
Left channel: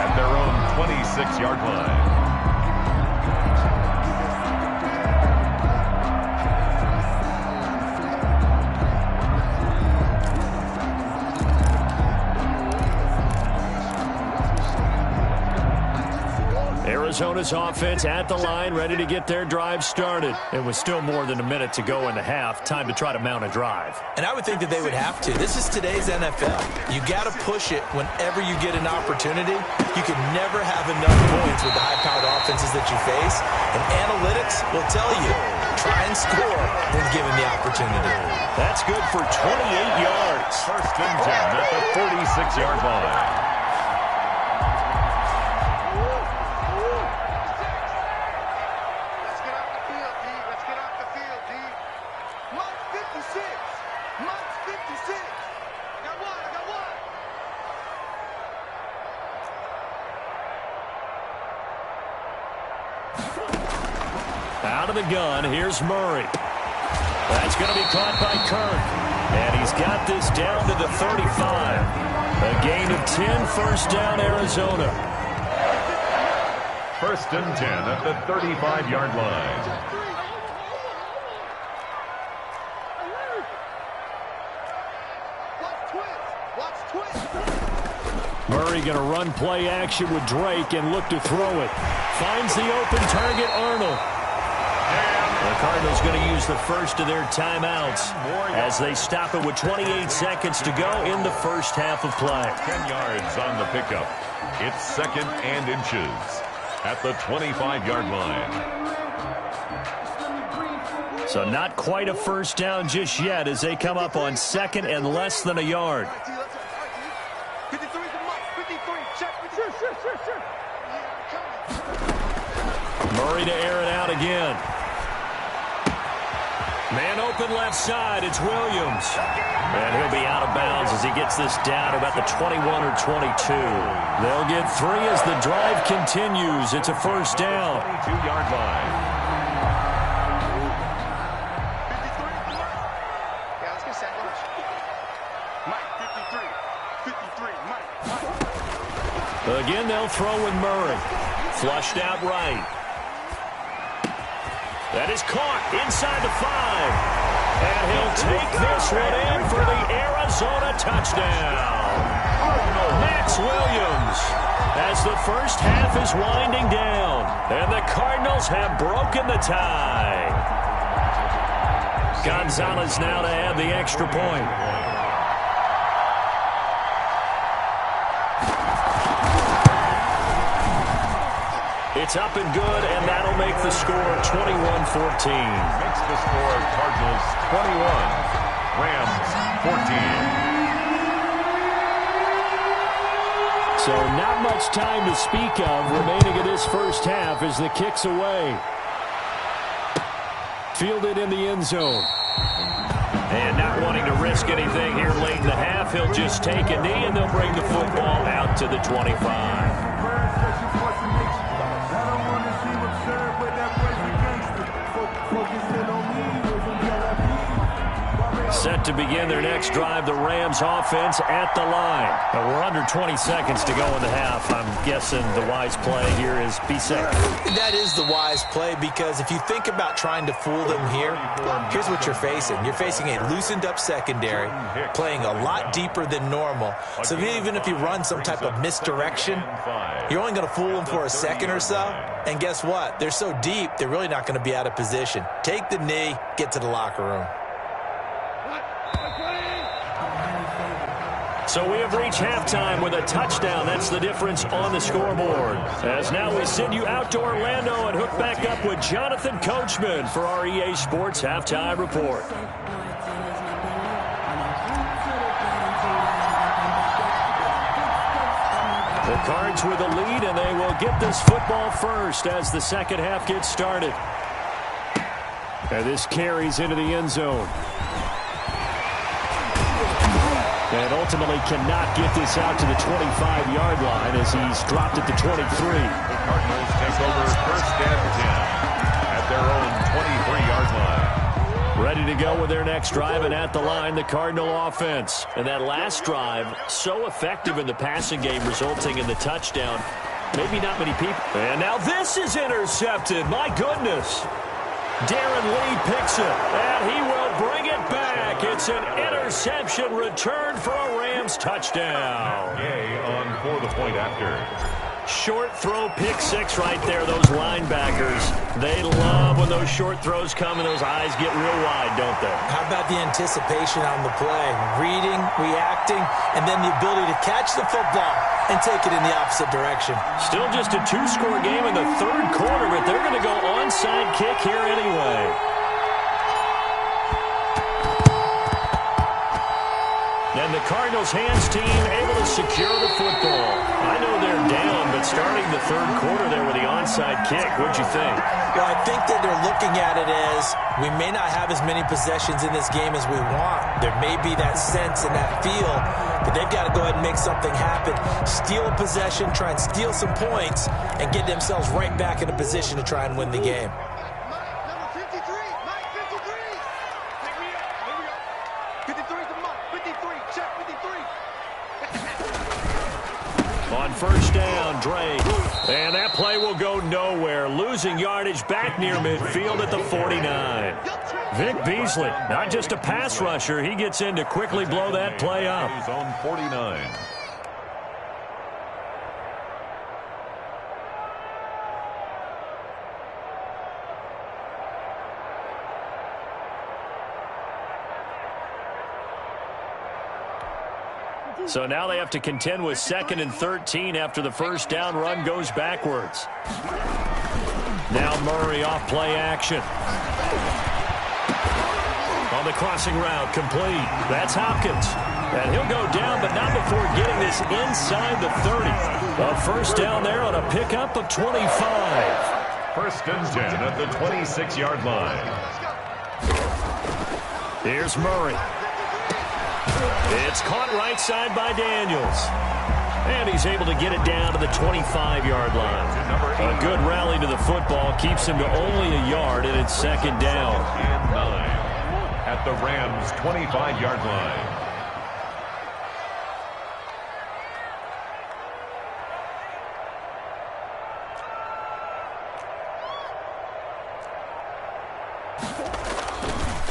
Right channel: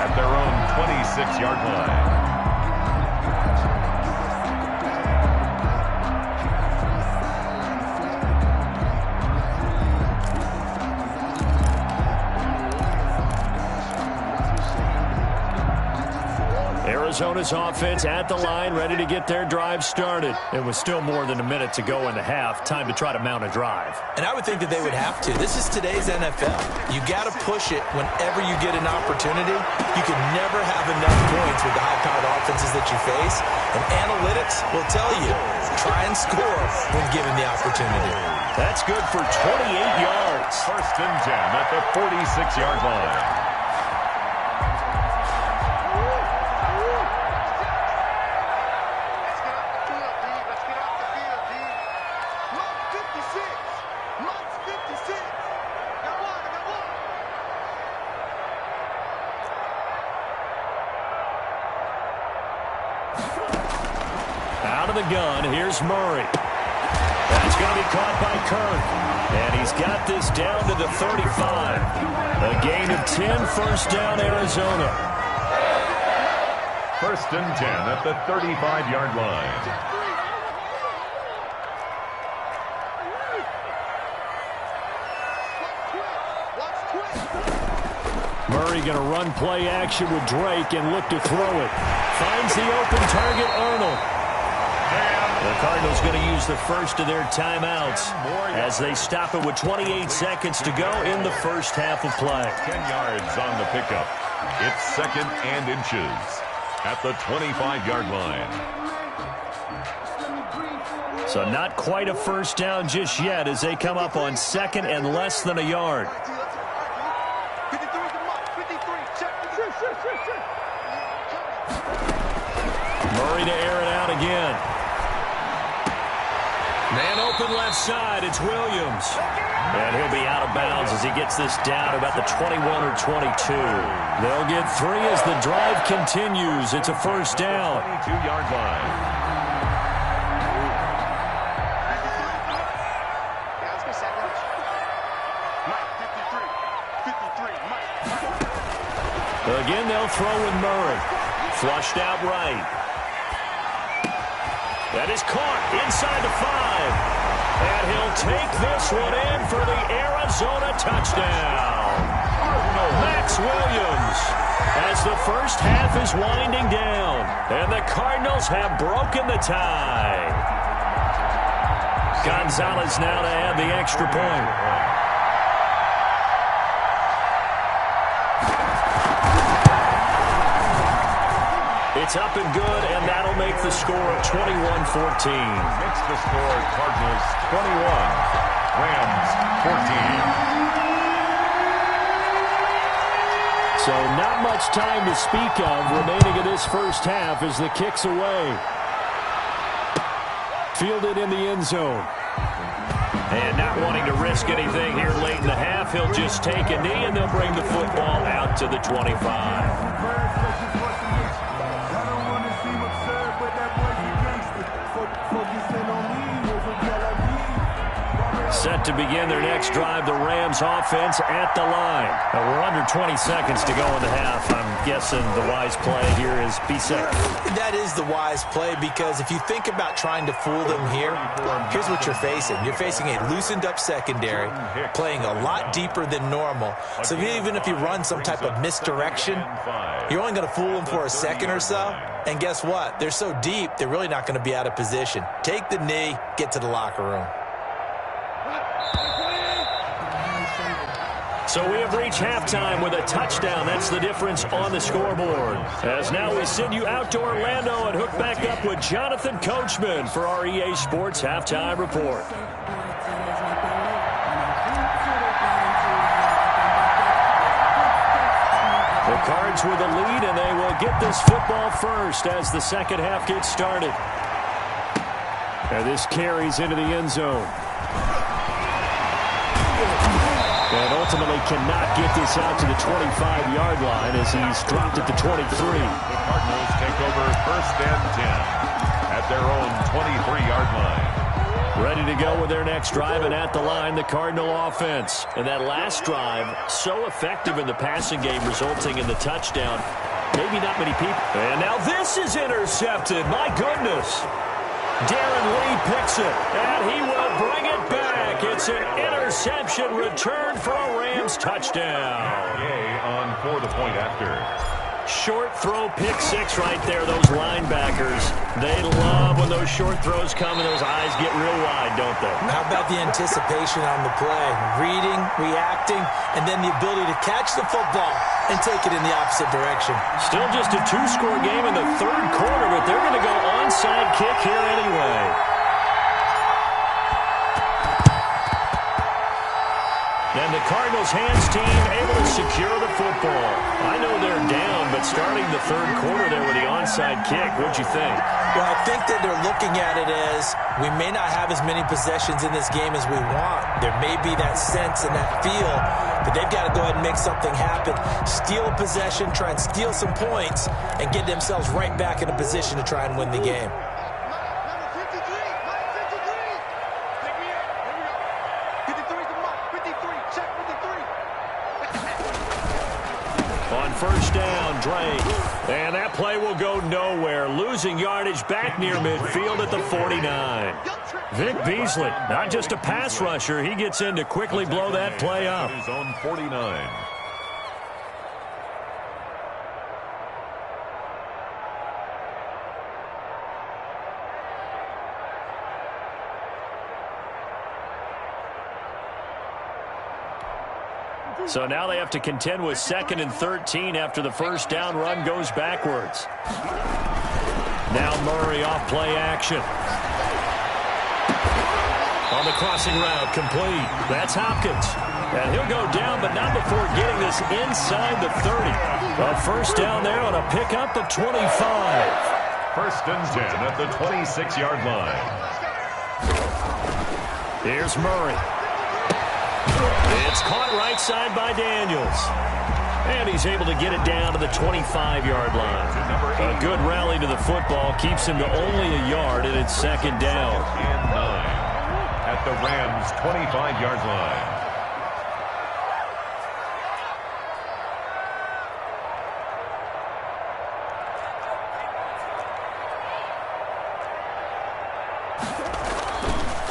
at their own 26-yard line. Arizona's offense at the line, ready to get their drive started. It was still more than a minute to go in the half. Time to try to mount a drive. And I would think that they would have to. This is today's NFL. You got to push it whenever you get an opportunity. You can never have enough points with the high-powered offenses that you face. And analytics will tell you, try and score when given the opportunity. That's good for 28 yards. 1st and 10 at the 46-yard line. Out of the gun, here's Murray. That's going to be caught by Kirk. And he's got this down to the 35. A gain of 10, 1st down, Arizona. 1st and 10 at the 35-yard line. Murray going to run play action with Drake and look to throw it. Finds the open target, Arnold. The Cardinals going to use the first of their timeouts as they stop it with 28 seconds to go in the 1st half of play. 10 yards on the pickup. It's 2nd and inches at the 25-yard line. So not quite a 1st down just yet as they come up on 2nd and less than a yard. Murray to air it out again. Man open left side, it's Williams. And he'll be out of bounds as he gets this down to about the 21 or 22. They'll get 3 as the drive continues. It's a 1st down. 22-yard line. Yeah, let's get sack lunch. Mike, 53, Mike. Again, they'll throw with Murray. Flushed out right. That is caught inside the 5. And he'll take this one in for the Arizona touchdown. Max Williams as the 1st half is winding down. And the Cardinals have broken the tie. Gonzalez now to add the extra point. It's up and good, and that'll make the score 21-14. Makes the score Cardinals 21, Rams 14. So not much time to speak of remaining in this first half as the kick's away. Fielded in the end zone. And not wanting to risk anything here late in the half, he'll just take a knee and they'll bring the football out to the 25. Set to begin their next drive, the Rams offense at the line. We're under 20 seconds to go in the half. I'm guessing the wise play here is be safe. That is the wise play, because if you think about trying to fool them here, here's what you're facing. You're facing a loosened up secondary, playing a lot deeper than normal. So even if you run some type of misdirection, you're only going to fool them for a second or so. And guess what? They're so deep, they're really not going to be out of position. Take the knee, get to the locker room. So we have reached halftime with a touchdown. That's the difference on the scoreboard. As now we send you out to Orlando and hook back up with Jonathan Coachman for our EA Sports Halftime Report. The Cards with the lead, and they will get this football first as the second half gets started. And this carries into the end zone. And ultimately cannot get this out to the 25-yard line as he's dropped at the 23. The Cardinals take over 1st and 10 at their own 23-yard line. Ready to go with their next drive, and at the line, the Cardinal offense. And that last drive, so effective in the passing game, resulting in the touchdown. Maybe not many people. And now this is intercepted. My goodness. Darren Lee picks it, and he will bring it back. It's an interception return for a Rams touchdown. Gay on for the point after. Short throw, pick six right there. Those linebackers, they love when those short throws come and those eyes get real wide, don't they? How about the anticipation on the play? Reading, reacting, and then the ability to catch the football and take it in the opposite direction. Still just a two-score game in the third quarter, but they're going to go onside kick here anyway. And the Cardinals hands team able to secure the football. I know they're down, but starting the third quarter there with the onside kick, what'd you think? Well, I think that they're looking at it as we may not have as many possessions in this game as we want. There may be that sense and that feel, but they've got to go ahead and make something happen. Steal a possession, try and steal some points, and get themselves right back in a position to try and win the game. On first down, Drake. And that play will go nowhere. Losing yardage back near midfield at the 49. Vic Beasley, not just a pass rusher. He gets in to quickly blow that play up. His own 49. So now they have to contend with 2nd and 13 after the first down run goes backwards. Now Murray off play action. On the crossing route, complete. That's Hopkins. And he'll go down, but not before getting this inside the 30. A first down there on a pickup of 25. 1st and 10 at the 26-yard line. Here's Murray. It's caught right side by Daniels. And he's able to get it down to the 25-yard line. A good rally to the football keeps him to only a yard, and it's 2nd down. And 9 at the Rams' 25-yard line.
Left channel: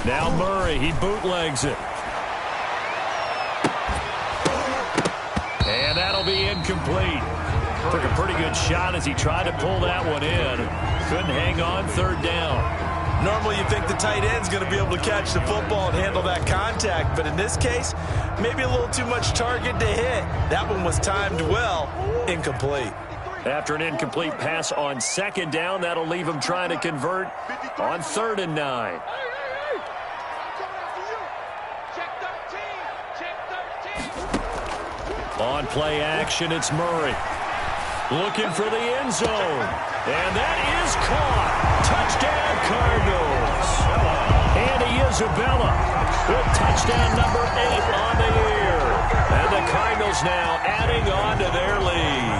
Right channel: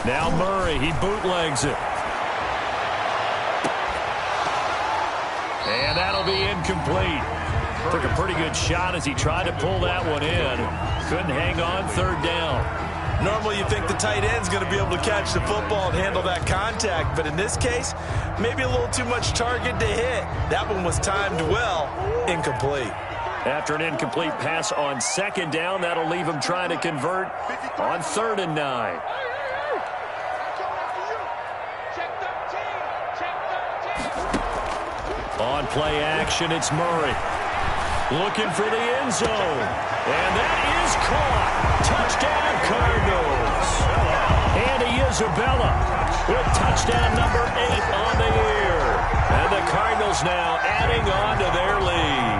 Now Murray, he bootlegs it. And that'll be incomplete. Took a pretty good shot as he tried to pull that one in. Couldn't hang on 3rd down. Normally you think the tight end's going to be able to catch the football and handle that contact, but in this case, maybe a little too much target to hit. That one was timed well. Incomplete. After an incomplete pass on 2nd down, that'll leave him trying to convert on 3rd and 9. On play action, it's Murray. Looking for the end zone. And that is caught. Touchdown, Cardinals. Andy Isabella with touchdown number 8 on the year. And the Cardinals now adding on to their lead.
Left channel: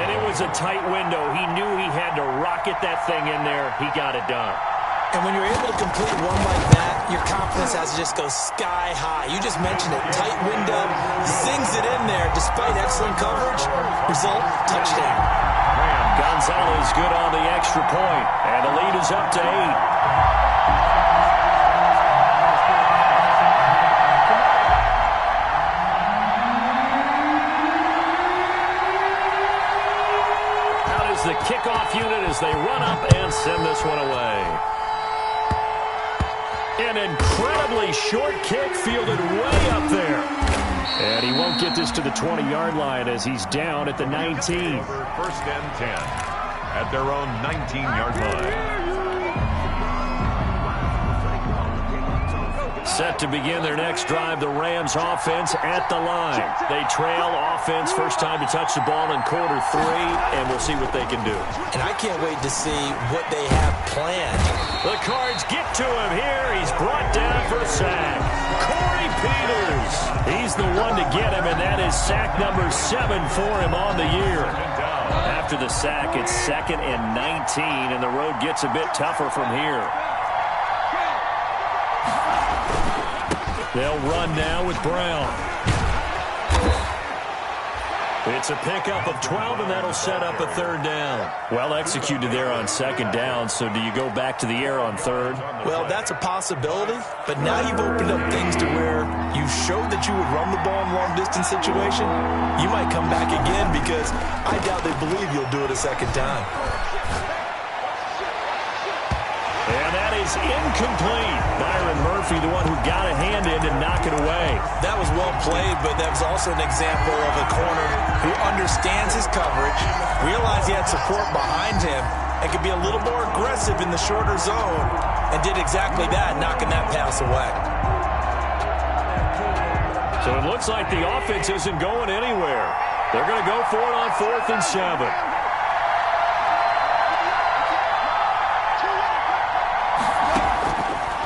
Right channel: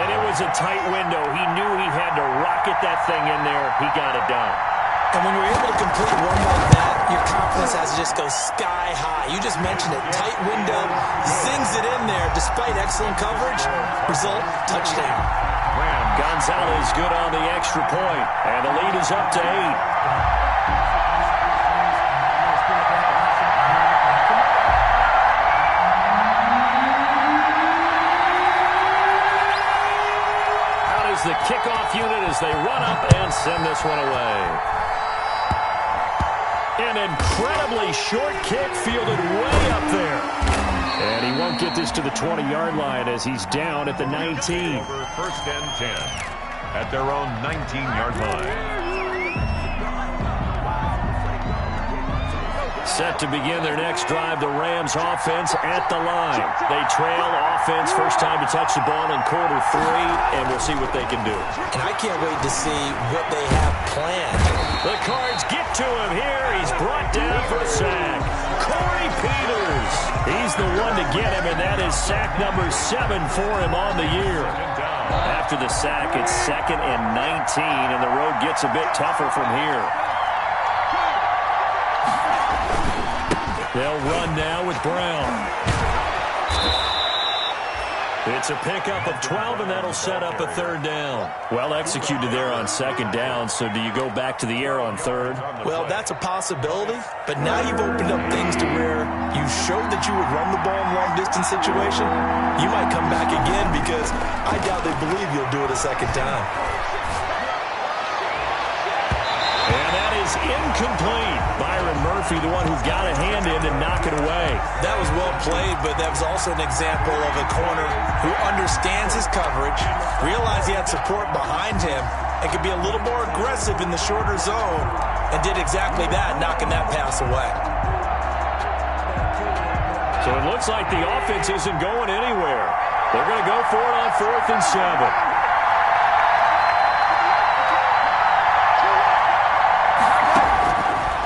And it was a tight window. He knew he had to rocket that thing in there. He got it done. And when you're able to complete one like that, your confidence has to just go sky high. You just mentioned it. Tight window, zings it in there despite excellent coverage. Result, touchdown. Gonzalez good on the extra point, and the lead is up to 8. Out is the kickoff unit as they run up and send this one away. An incredibly short kick fielded way up there. And he won't get this to the 20-yard line as he's down at the 19. Over first and 10 at their own 19-yard line. Set to begin their next drive, the Rams offense at the line. They trail offense, first time to touch the ball in quarter 3, and we'll see what they can do. And I can't wait to see what they have planned. The Cards get to him here. He's brought down for a sack. Corey Peters. He's the one to get him, and that is sack number 7 for him on the year. After the sack, it's 2nd and 19, and the road gets a bit tougher from here. They'll run now with Brown. It's a pickup of 12, and that'll set up a 3rd down. Well executed there on 2nd down, so do you go back to the air on 3rd? Well, that's a possibility, but now you've opened up things to where you showed that you would run the ball in long-distance situation. You might come back again because I doubt they believe you'll do it a 2nd time. And that is incomplete. Byron Murphy, the one who got a hand in and knock it away. That was well played, but that was also an example of a corner who understands his coverage, realized he had support behind him, and could be a little more aggressive in the shorter zone, and did exactly that, knocking that pass away. So it looks like the offense isn't going anywhere. They're going to go for it on 4th and 7.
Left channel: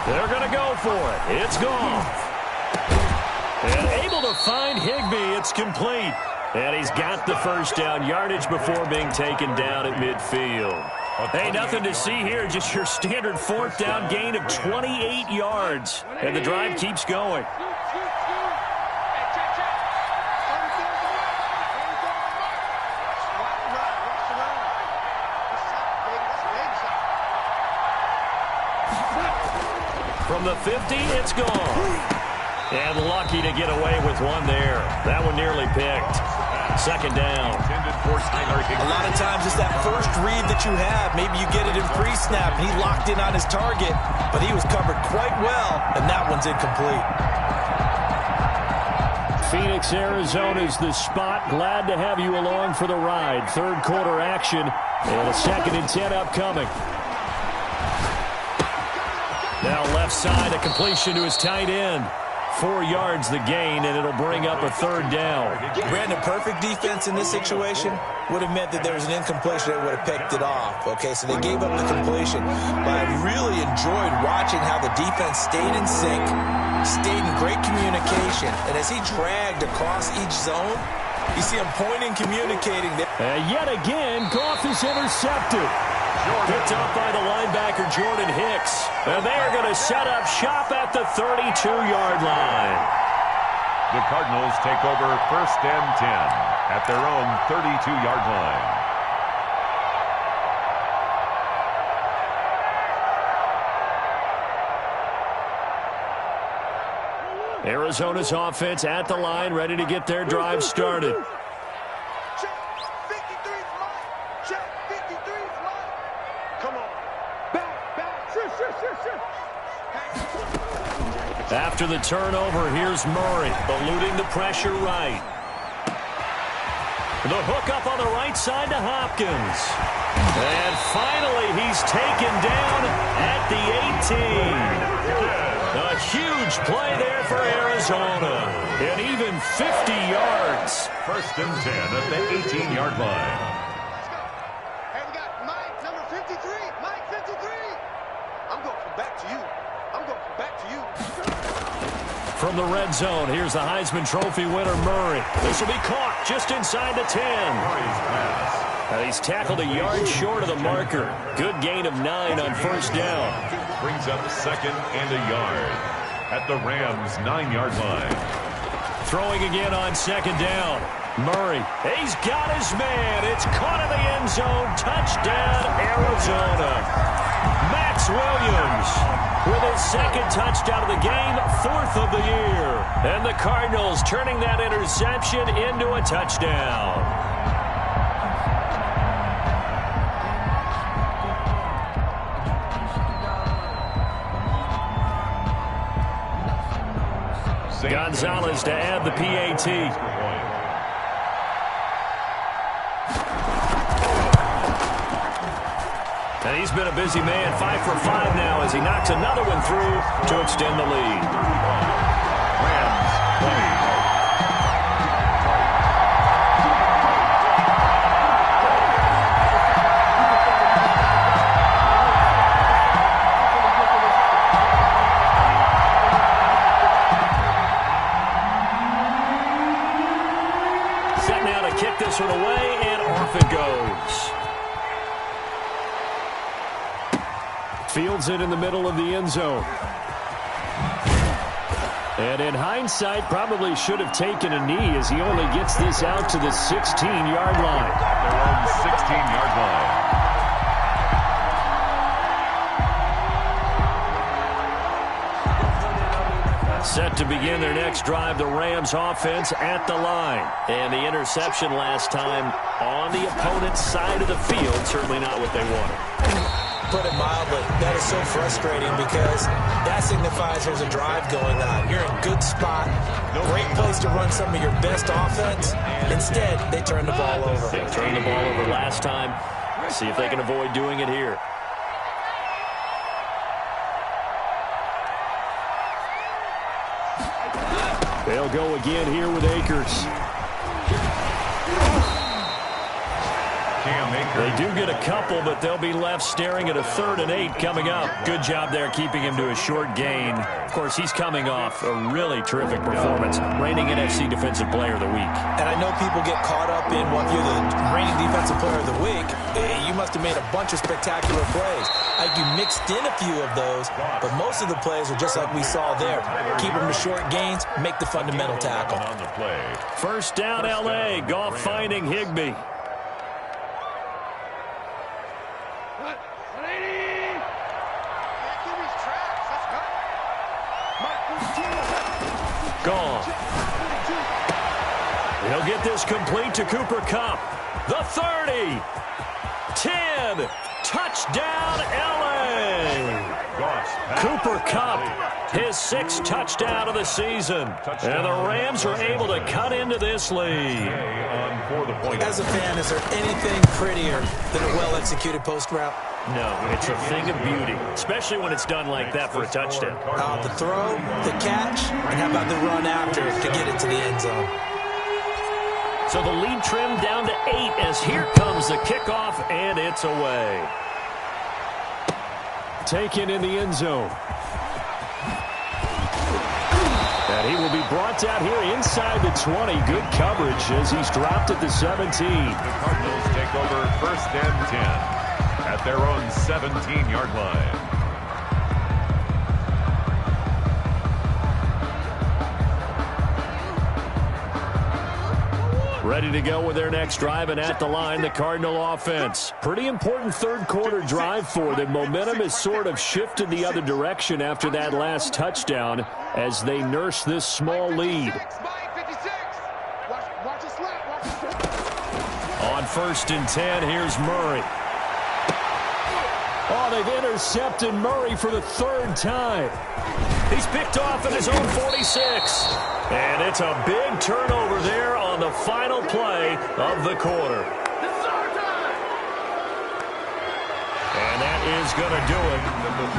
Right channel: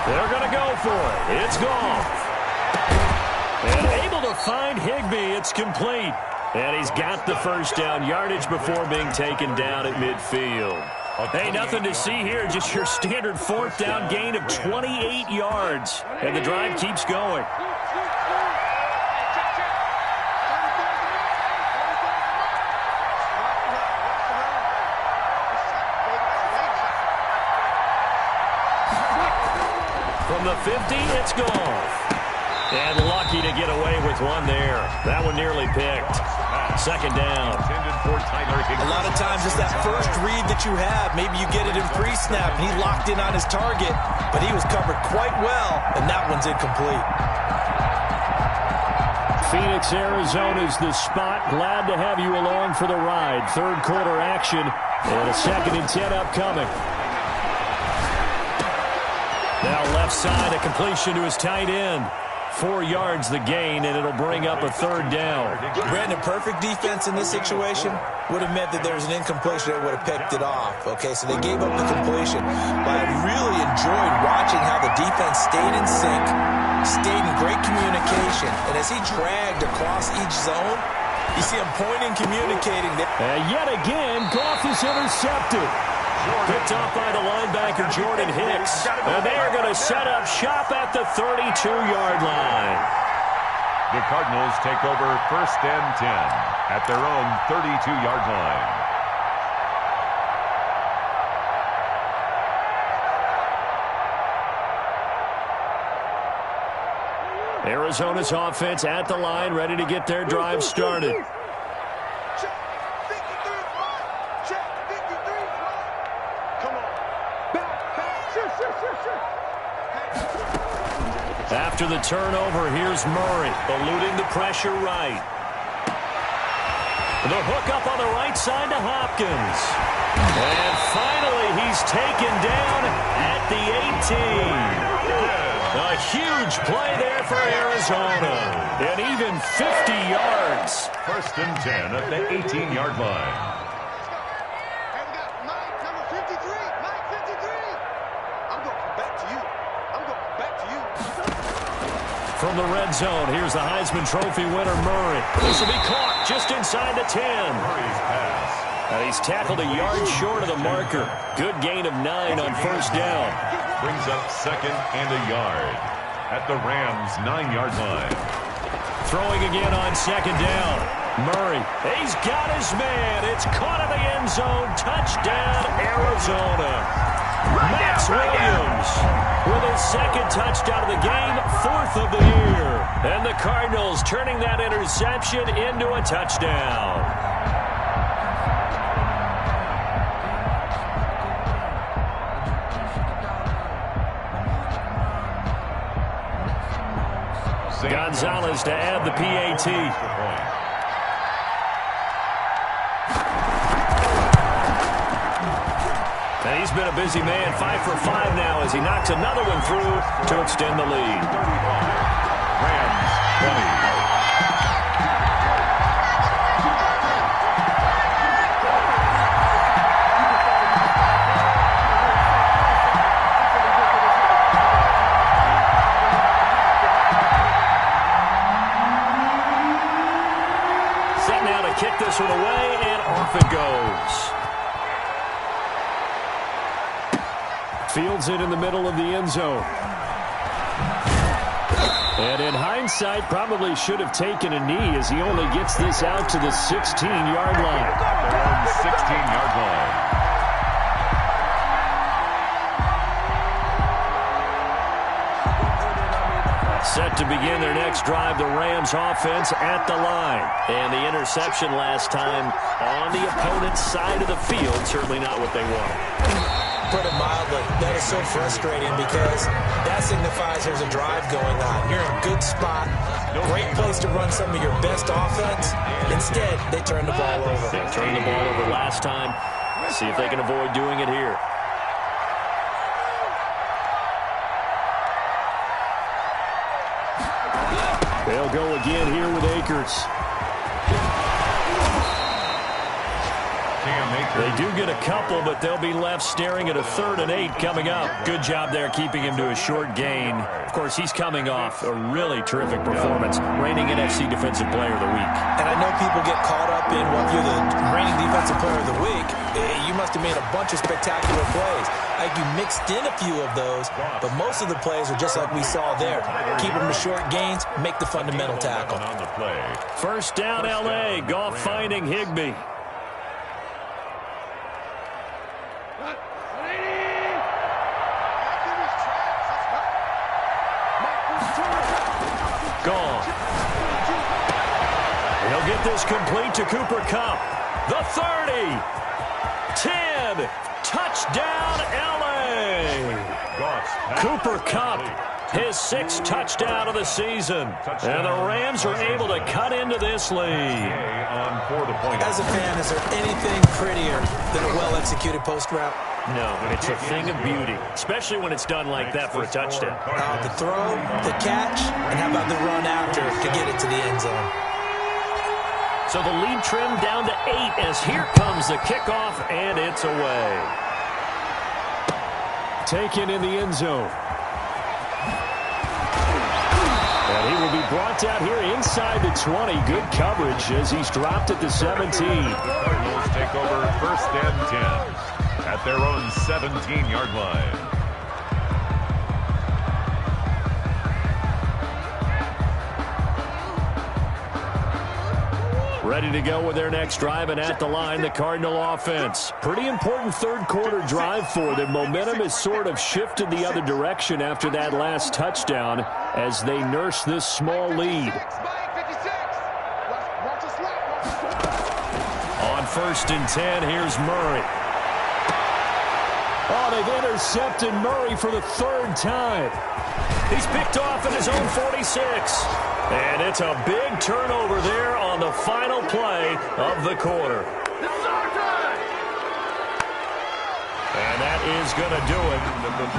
They're going to go for it. It's gone. And able to find Higbee. It's complete. And he's got the first down yardage before being taken down at midfield. Hey, nothing to see here. Just your standard 4th down gain of 28 yards. And the drive keeps going. From the 50, it's gone. And lucky to get away with one there. That one nearly picked. 2nd down. A lot of times it's that first read that you have. Maybe you get it in pre-snap, and he locked in on his target, but he was covered quite well, and that one's incomplete. Phoenix, Arizona's the spot. Glad to have you along for the ride. 3rd quarter action, and a 2nd and 10 upcoming. Now left side, a completion to his tight end. 4 yards the gain, and it'll bring up a 3rd down. Brandon, perfect defense in this situation would have meant that there was an incompletion that would have picked it off. Okay, so they gave up the completion. But I really enjoyed watching how the defense stayed in sync, stayed in great communication. And as he dragged across each zone, you see him pointing, communicating. Yet again, Goff is intercepted. Picked off by the linebacker, Jordan Hicks. And they are going to set up shop at the 32-yard line. The Cardinals take over 1st and 10 at their own 32-yard line. Arizona's offense at the line, ready to get their drive started. After the turnover, here's Murray, eluding the pressure right. The hook up on the right side to Hopkins. And finally, he's taken down at the 18. A A huge play there for Arizona. And even 50 yards. First and 10 at the 18-yard line. Let's go. Hey, we got Mike, number 53. Mike 53. I'm going to come back to you. I'm going to come back to you. From the red zone, here's the Heisman Trophy winner, Murray. This will be caught just inside the 10. Murray's pass. And he's tackled a yard short of the marker. Good gain of 9 on first down. Brings up second and a yard at the Rams' 9-yard line. Throwing again on second down. Murray, he's got his man. It's caught in the end zone. Touchdown, Arizona. Max Williams with his second touchdown of the game, 4th of the year. And the Cardinals turning that interception into a touchdown. Gonzalez to add the PAT. And he's been a busy man, 5 for 5 now as he knocks another one through to extend the lead. Rams 20. Set now to kick this one away, and off it goes. Fields it in the middle of the end zone. And in hindsight, probably should have taken a knee as he only gets this out to the 16-yard line. Their own 16-yard line. Set to begin their next drive, the Rams offense at the line. And the interception last time on the opponent's side of the field, certainly not what they wanted. Put it mildly, that is so frustrating because that signifies there's a drive going on. You're in a good spot, great place to run some of your best offense. Instead, they turn the ball over. They turned the ball over last time. See if they can avoid doing it here. They'll go again here with Akers. They do get a couple, but they'll be left staring at a 3rd and 8 coming up. Good job there keeping him to a short gain. Of course, he's coming off a really terrific performance, reigning NFC Defensive Player of the Week. And I know people get caught up in what you're the reigning Defensive Player of the Week. You must have made a bunch of spectacular plays. Like you mixed in a few of those, but most of the plays are just like we saw there. Keep them to short gains, make the fundamental tackle. First down, L.A. Goff finding Higbee. Gone. He'll get this complete to Cooper Kupp. The 30. 10. Touchdown, L.A. Cooper Kupp, his 6th touchdown of the season. And the Rams are able to cut into this lead. As a fan, is there anything prettier than a well-executed post route? No, it's a thing of beauty, especially when it's done like that for a touchdown. The throw, the catch, and how about the run after to get it to the end zone? So the lead trimmed down to 8 as here comes the kickoff, and it's away. Taken in the end zone. And he will be brought down here inside the 20. Good coverage as he's dropped at the 17. The Cardinals take over 1st and 10. At their own 17-yard line. Ready to go with their next drive, and at the line, the Cardinal offense. Pretty important 3rd quarter drive for them. Momentum has sort of shifted the other direction after that last touchdown as they nurse this small lead. On 1st and 10, here's Murray. Oh, they've intercepted Murray for the 3rd time. He's picked off at his own 46. And it's a big turnover there on the final play of the quarter. This is our time. And that is going to do it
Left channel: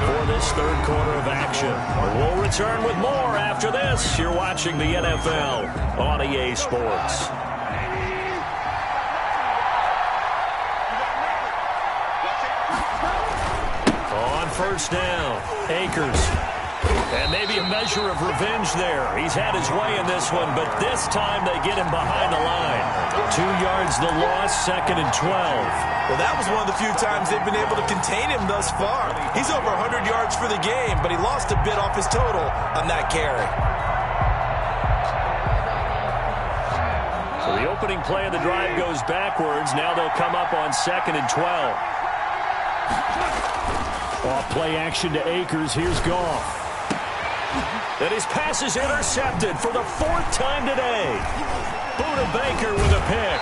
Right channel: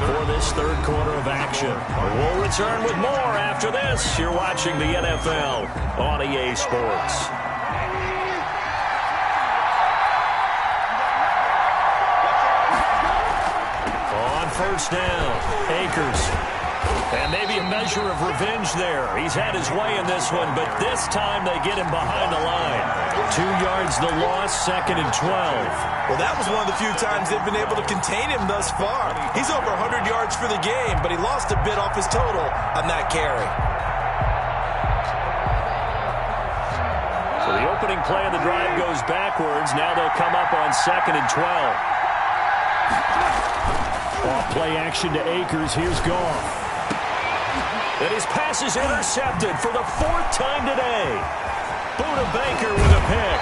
for this 3rd quarter of action. action. We'll return with more after this. You're watching the NFL on EA Sports. On first down, Akers. And maybe a measure of revenge there. He's had his way in this one, but this time they get him behind the line. 2 yards the loss, 2nd and 12. Well, that was one of the few times they've been able to contain him thus far. He's over 100 yards for the game, but he lost a bit off his total on that carry. So the opening play of the drive goes backwards. Now they'll come up on 2nd and 12. Off play action to Akers. Here's Goff. And his pass is intercepted for the 4th time today. Buda Baker with a pick.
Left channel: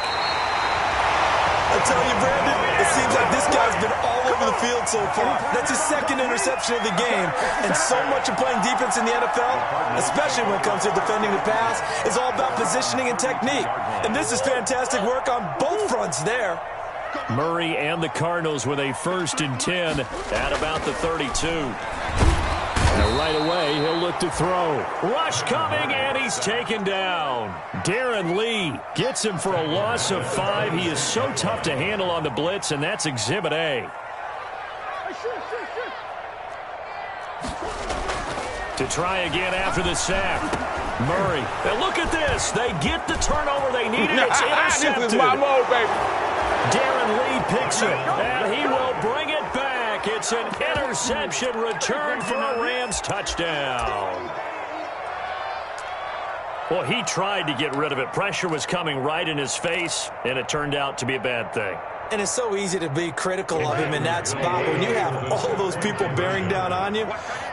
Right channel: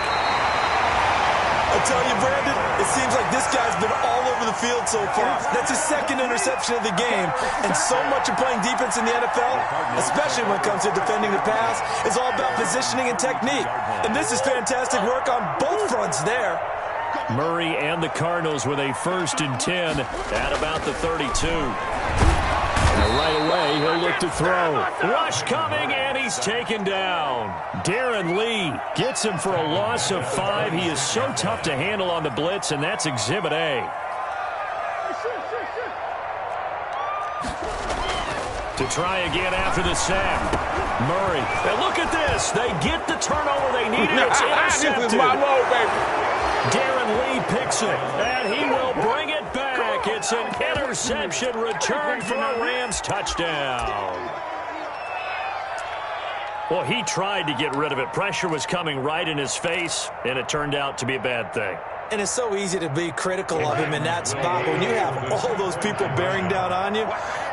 I tell you, Brandon, it seems like this guy's been all over the field so far. That's his 2nd interception of the game. And so much of playing defense in the NFL, especially when it comes to defending the pass, is all about positioning and technique. And this is fantastic work on both fronts there. Murray and the Cardinals with a 1st and 10 at about the 32. And right away, he'll look to throw. Rush coming, and he's taken down. Darren Lee gets him for a loss of 5. He is so tough to handle on the blitz, and that's Exhibit A. To try again after the sack. Murray. And look at this. They get the turnover they needed. It's intercepted. This is my mode, baby. Darren Lee picks it, and he will bring it back. It's an interception return for a Rams touchdown. Well, he tried to get rid of it. Pressure was coming right in his face, and it turned out to be a bad thing. And it's so easy to be critical of him in that spot. When you have all those people bearing down on you,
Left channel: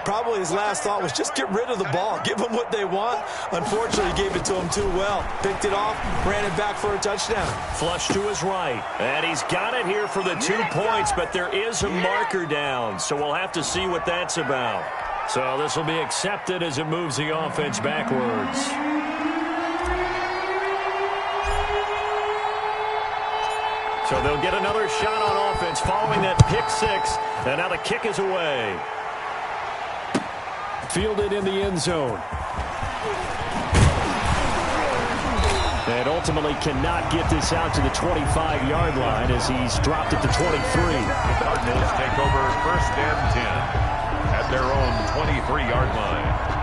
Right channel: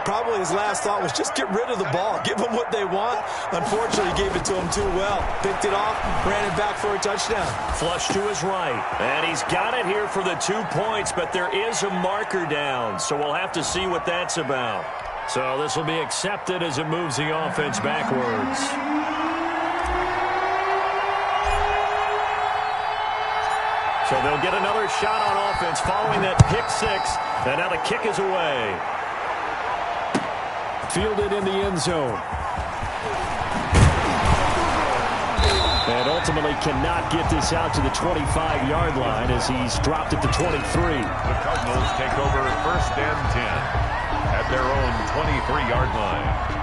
probably his last thought was just get rid of the ball. Give them what they want. Unfortunately, he gave it to him too well. Picked it off, ran it back for a touchdown. Flush to his right. And he's got it here for the 2 points, but there is a marker down, so we'll have to see what that's about. So this will be accepted as it moves the offense backwards. So they'll get another shot on offense following that pick 6. And now the kick is away. Fielded in the end zone. And ultimately cannot get this out to the 25-yard line as he's dropped at the 23. The Cardinals take over 1st and 10 at their own 23-yard line.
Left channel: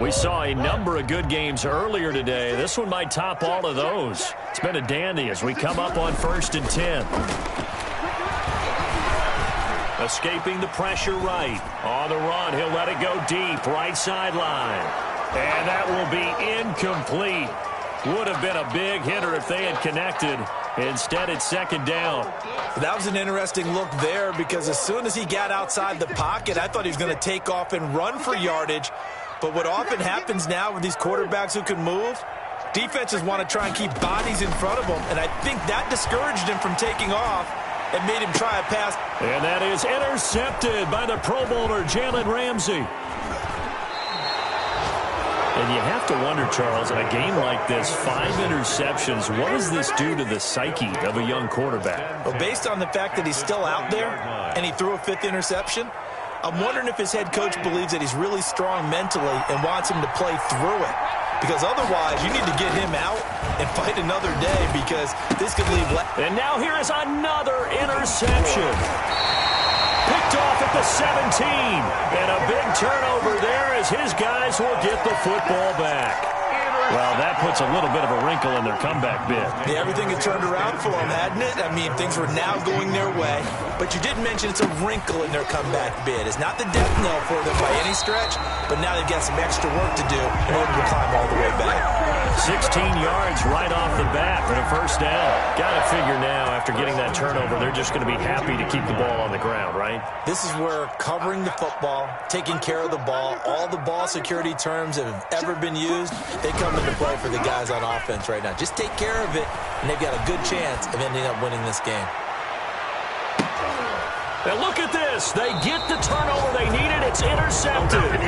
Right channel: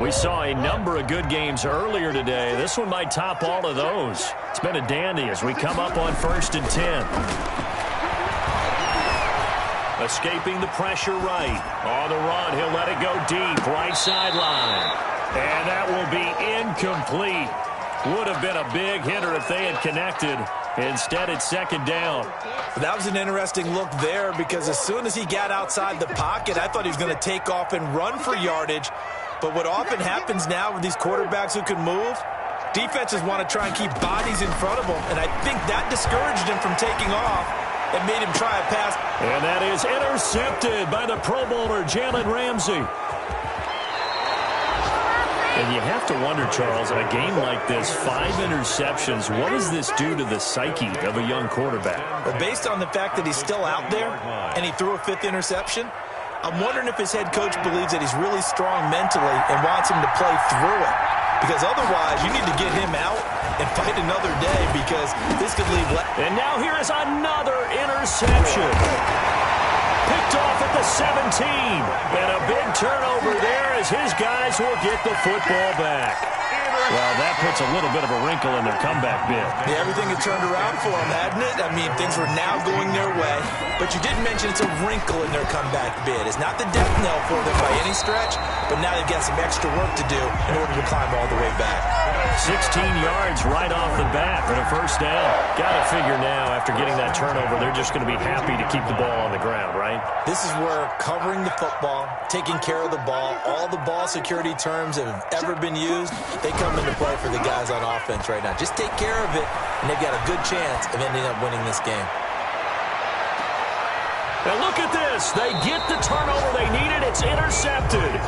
We saw a number of good games earlier today. This one might top all of those. It's been a dandy as we come up on 1st and 10. Escaping the pressure right. On the run, he'll let it go deep. Right sideline. And that will be incomplete. Would have been a big hitter if they had connected. Instead, it's 2nd down. That was an interesting look there because as soon as he got outside the pocket, I thought he was going to take off and run for yardage. But what often happens now with these quarterbacks who can move, defenses want to try and keep bodies in front of them, and I think that discouraged him from taking off and made him try a pass. And that is intercepted by the Pro Bowler, Jalen Ramsey. And you have to wonder, Charles, in a game like this, 5 interceptions, what does this do to the psyche of a young quarterback? Well, based on the fact that he's still out there and he threw a 5th interception, I'm wondering if his head coach believes that he's really strong mentally and wants him to play through it. Because otherwise, you need to get him out and fight another day because this could leave. And now here is another interception. Picked off at the 17. And a big turnover there as his guys will get the football back. Well, that puts a little bit of a wrinkle in their comeback bid. Yeah, everything had turned around for them, hadn't it? I mean, things were now going their way. But you did mention it's a wrinkle in their comeback bid. It's not the death knell for them by any stretch, but now they've got some extra work to do in order to climb all the way back. 16 yards right off the bat for the 1st down. Got to figure now, after getting that turnover, they're just going to be happy to keep the ball on the ground, right? This is where covering the football, taking care of the ball, all the ball security terms that have ever been used, they come into play for the guys on offense right now. Just take care of it, and they've got a good chance of ending up winning this game. And look at this. They get the turnover they needed. It's intercepted.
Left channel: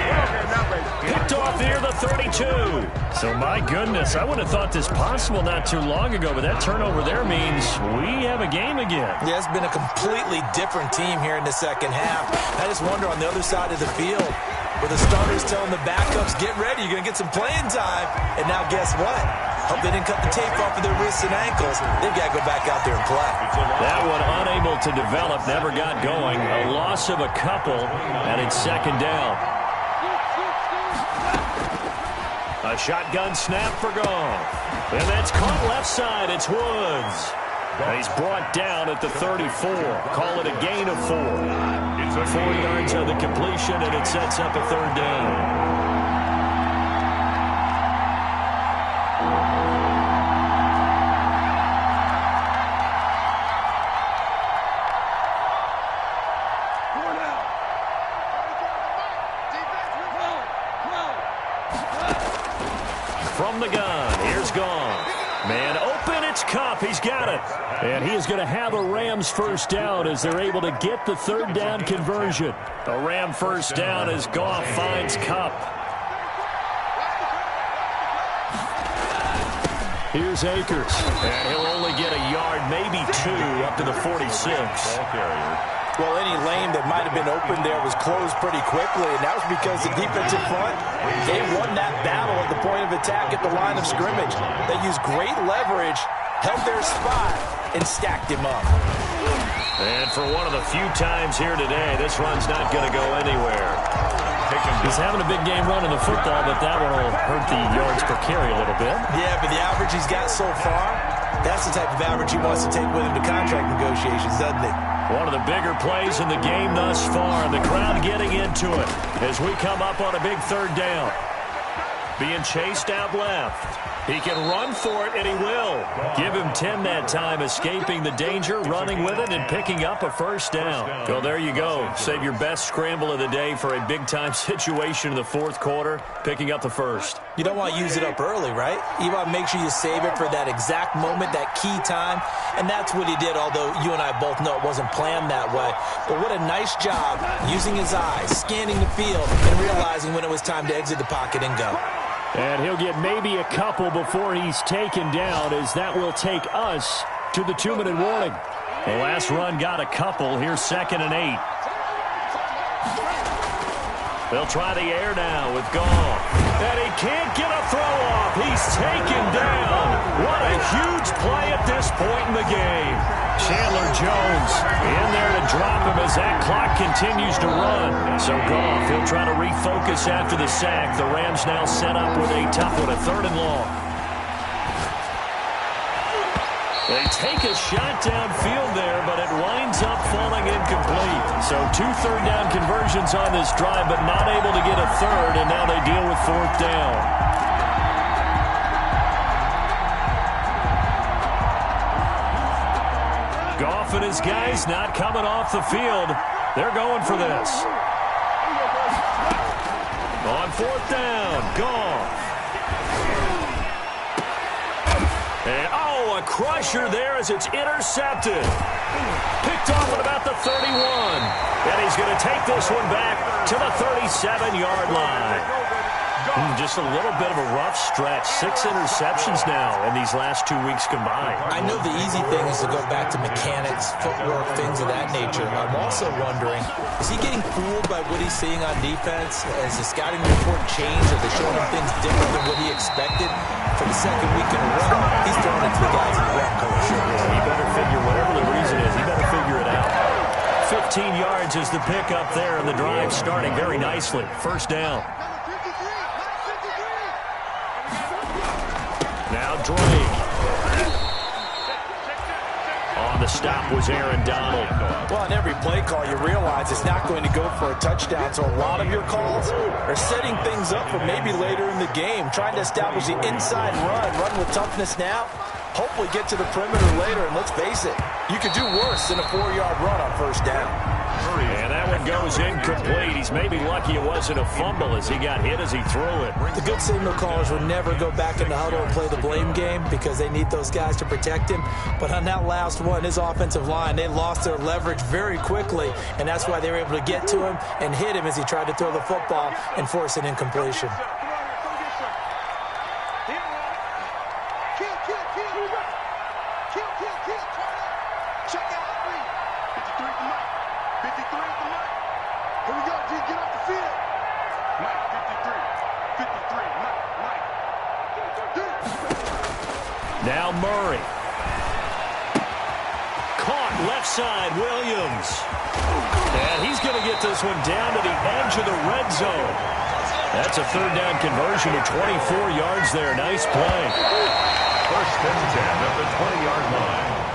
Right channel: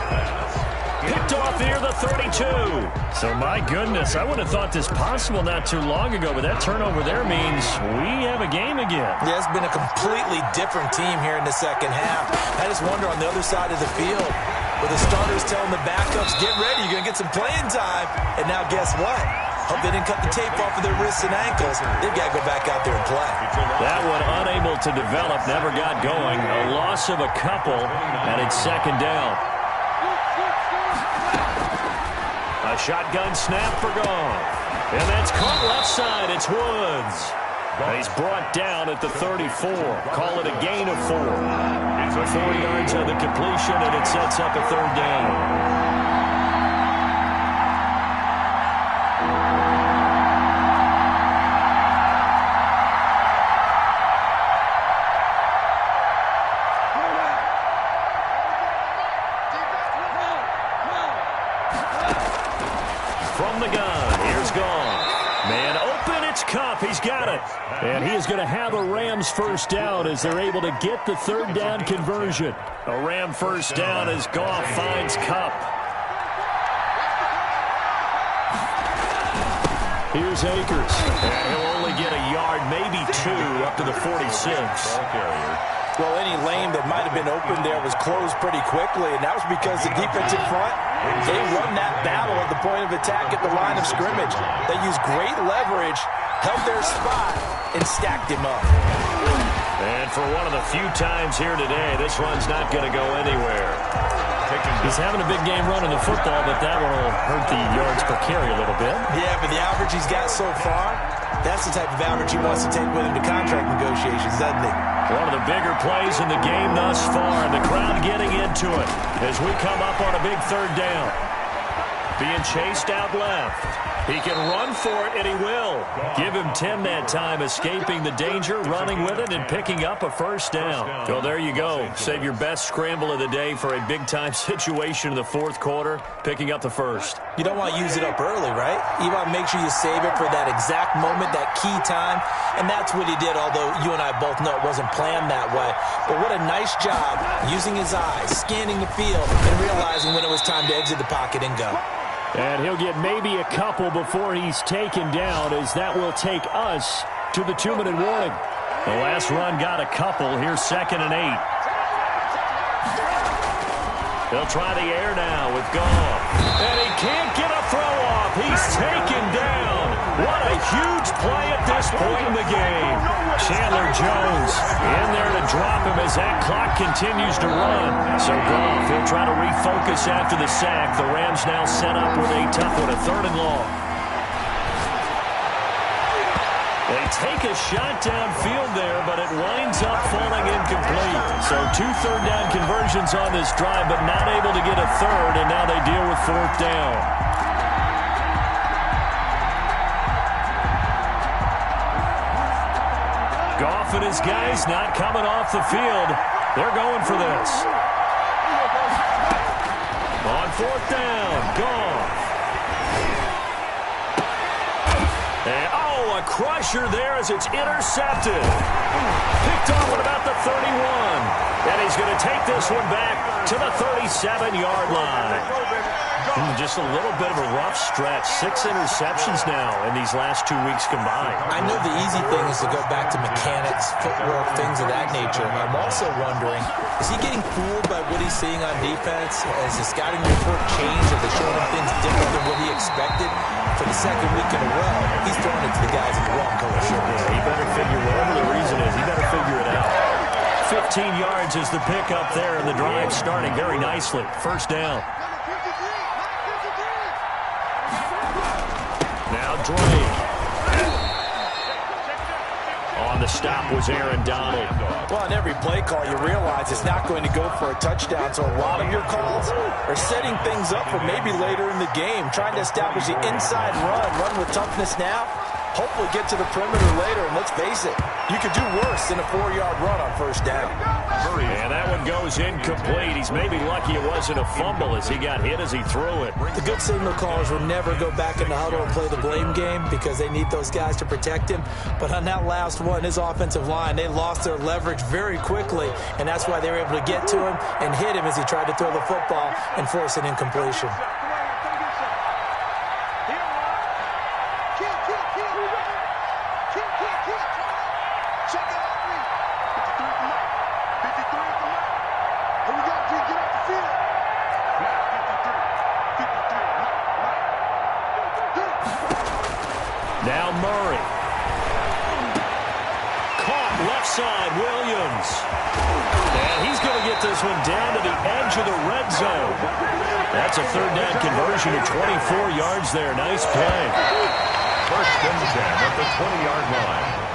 Picked off near the 32. So, my goodness, I wouldn't have thought this possible not too long ago, but that turnover there means we have a game again. Yeah, it's been a completely different team here in the second half. I just wonder on the other side of the field, where the starters telling the backups, get ready, you're going to get some playing time. And now guess what? Hope they didn't cut the tape off of their wrists and ankles. They've got to go back out there and play. That one unable to develop, never got going. A loss of a couple, and it's second down. A shotgun snap for Goff. And that's caught left side. It's Woods. And he's brought down at the 34. Call it a gain of 4. 4 yards on the completion, and it sets up a third down. From the gun, here's Goff. Man open, it's Kupp. He's got it. And he is going to have a Rams first down as they're able to get the third down conversion. A Ram first down as Goff finds Kupp. Here's Akers. And he'll only get a yard, maybe 2, up to the 46. Well, any lane that might have been open there was closed pretty quickly, and that was because the defensive front, they won that battle at the point of attack at the line of scrimmage. They used great leverage, held their spot, and stacked him up. And for one of the few times here today, this run's not going to go anywhere. He's having a big game running the football, but that one will hurt the yards per carry a little bit. Yeah, but the average he's got so far, that's the type of average he wants to take with him to contract negotiations, doesn't he? One of the bigger plays in the game thus far, and the crowd getting into it as we come up on a big third down. Being chased out left. He can run for it, and he will. Give him 10 that time, escaping the danger, running with it, and picking up a first down. Well, there you go. Save your best scramble of the day for a big-time situation in the fourth quarter, picking up the first. You don't want to use it up early, right? You want to make sure you save it for that exact moment, that key time, and that's what he did, although you and I both know it wasn't planned that way. But what a nice job using his eyes, scanning the field, and realizing when it was time to exit the pocket and go. And he'll get maybe a couple before he's taken down, as that will take us to the 2-minute warning. The last run got a couple. Here's 2nd and 8. They'll try the air now with Goff. And he can't get a throw off. He's taken down. What a huge play at this point in the game. Chandler Jones in there to drop him as that clock continues to run. So Goff, he'll try to refocus after the sack. The Rams now set up with a tough one, a 3rd and long. They take a shot downfield there, but it winds up falling incomplete. So 2 third-down conversions on this drive, but not able to get a third, and now they deal with 4th down. Goff and his guys not coming off the field. They're going for this. On 4th down, Goff. And, a crusher there as it's intercepted. Picked off at about the 31. And he's going to take this one back to the 37-yard line. Just a little bit of a rough stretch. 6 interceptions now in these last 2 weeks combined. I know the easy thing is to go back to mechanics, footwork, things of that nature. I'm also wondering, is he getting fooled by what he's seeing on defense? Has the scouting report changed? Are they showing him things different than what he expected? For the 2nd week in a row, he's throwing it to the guys in the wrong color shirt. Yeah, he better figure, whatever the reason is, he better figure it out. 15 yards is the pickup there, and the drive starting very nicely. 1st down. Now Drake. On the stop was Aaron Donald. Well, on every play call, you realize it's not going to go for a touchdown, so a lot of your calls are setting things up for maybe later in the game, trying to establish the inside run with toughness now, hopefully get to the perimeter later. And let's face it, you could do worse than a 4-yard run on first down. And that one goes incomplete. He's maybe lucky it wasn't a fumble as he got hit as he threw it. The good signal callers will never go back in the huddle and play the blame game because they need those guys to protect him. But on that last one, his offensive line, they lost their leverage very quickly, and that's why they were able to get to him and hit him as he tried to throw the football and force an incompletion. Check it out, 53 for Mike. 53 for Mike. Here we go, G. Get off the field. Mike, 53. 53. Mike. Now Murray. Caught left side, Williams. And he's going to get this one down to the edge of the red zone. That's a third down conversion of 24 yards there. Nice play. First and 10 at the 20-yard line.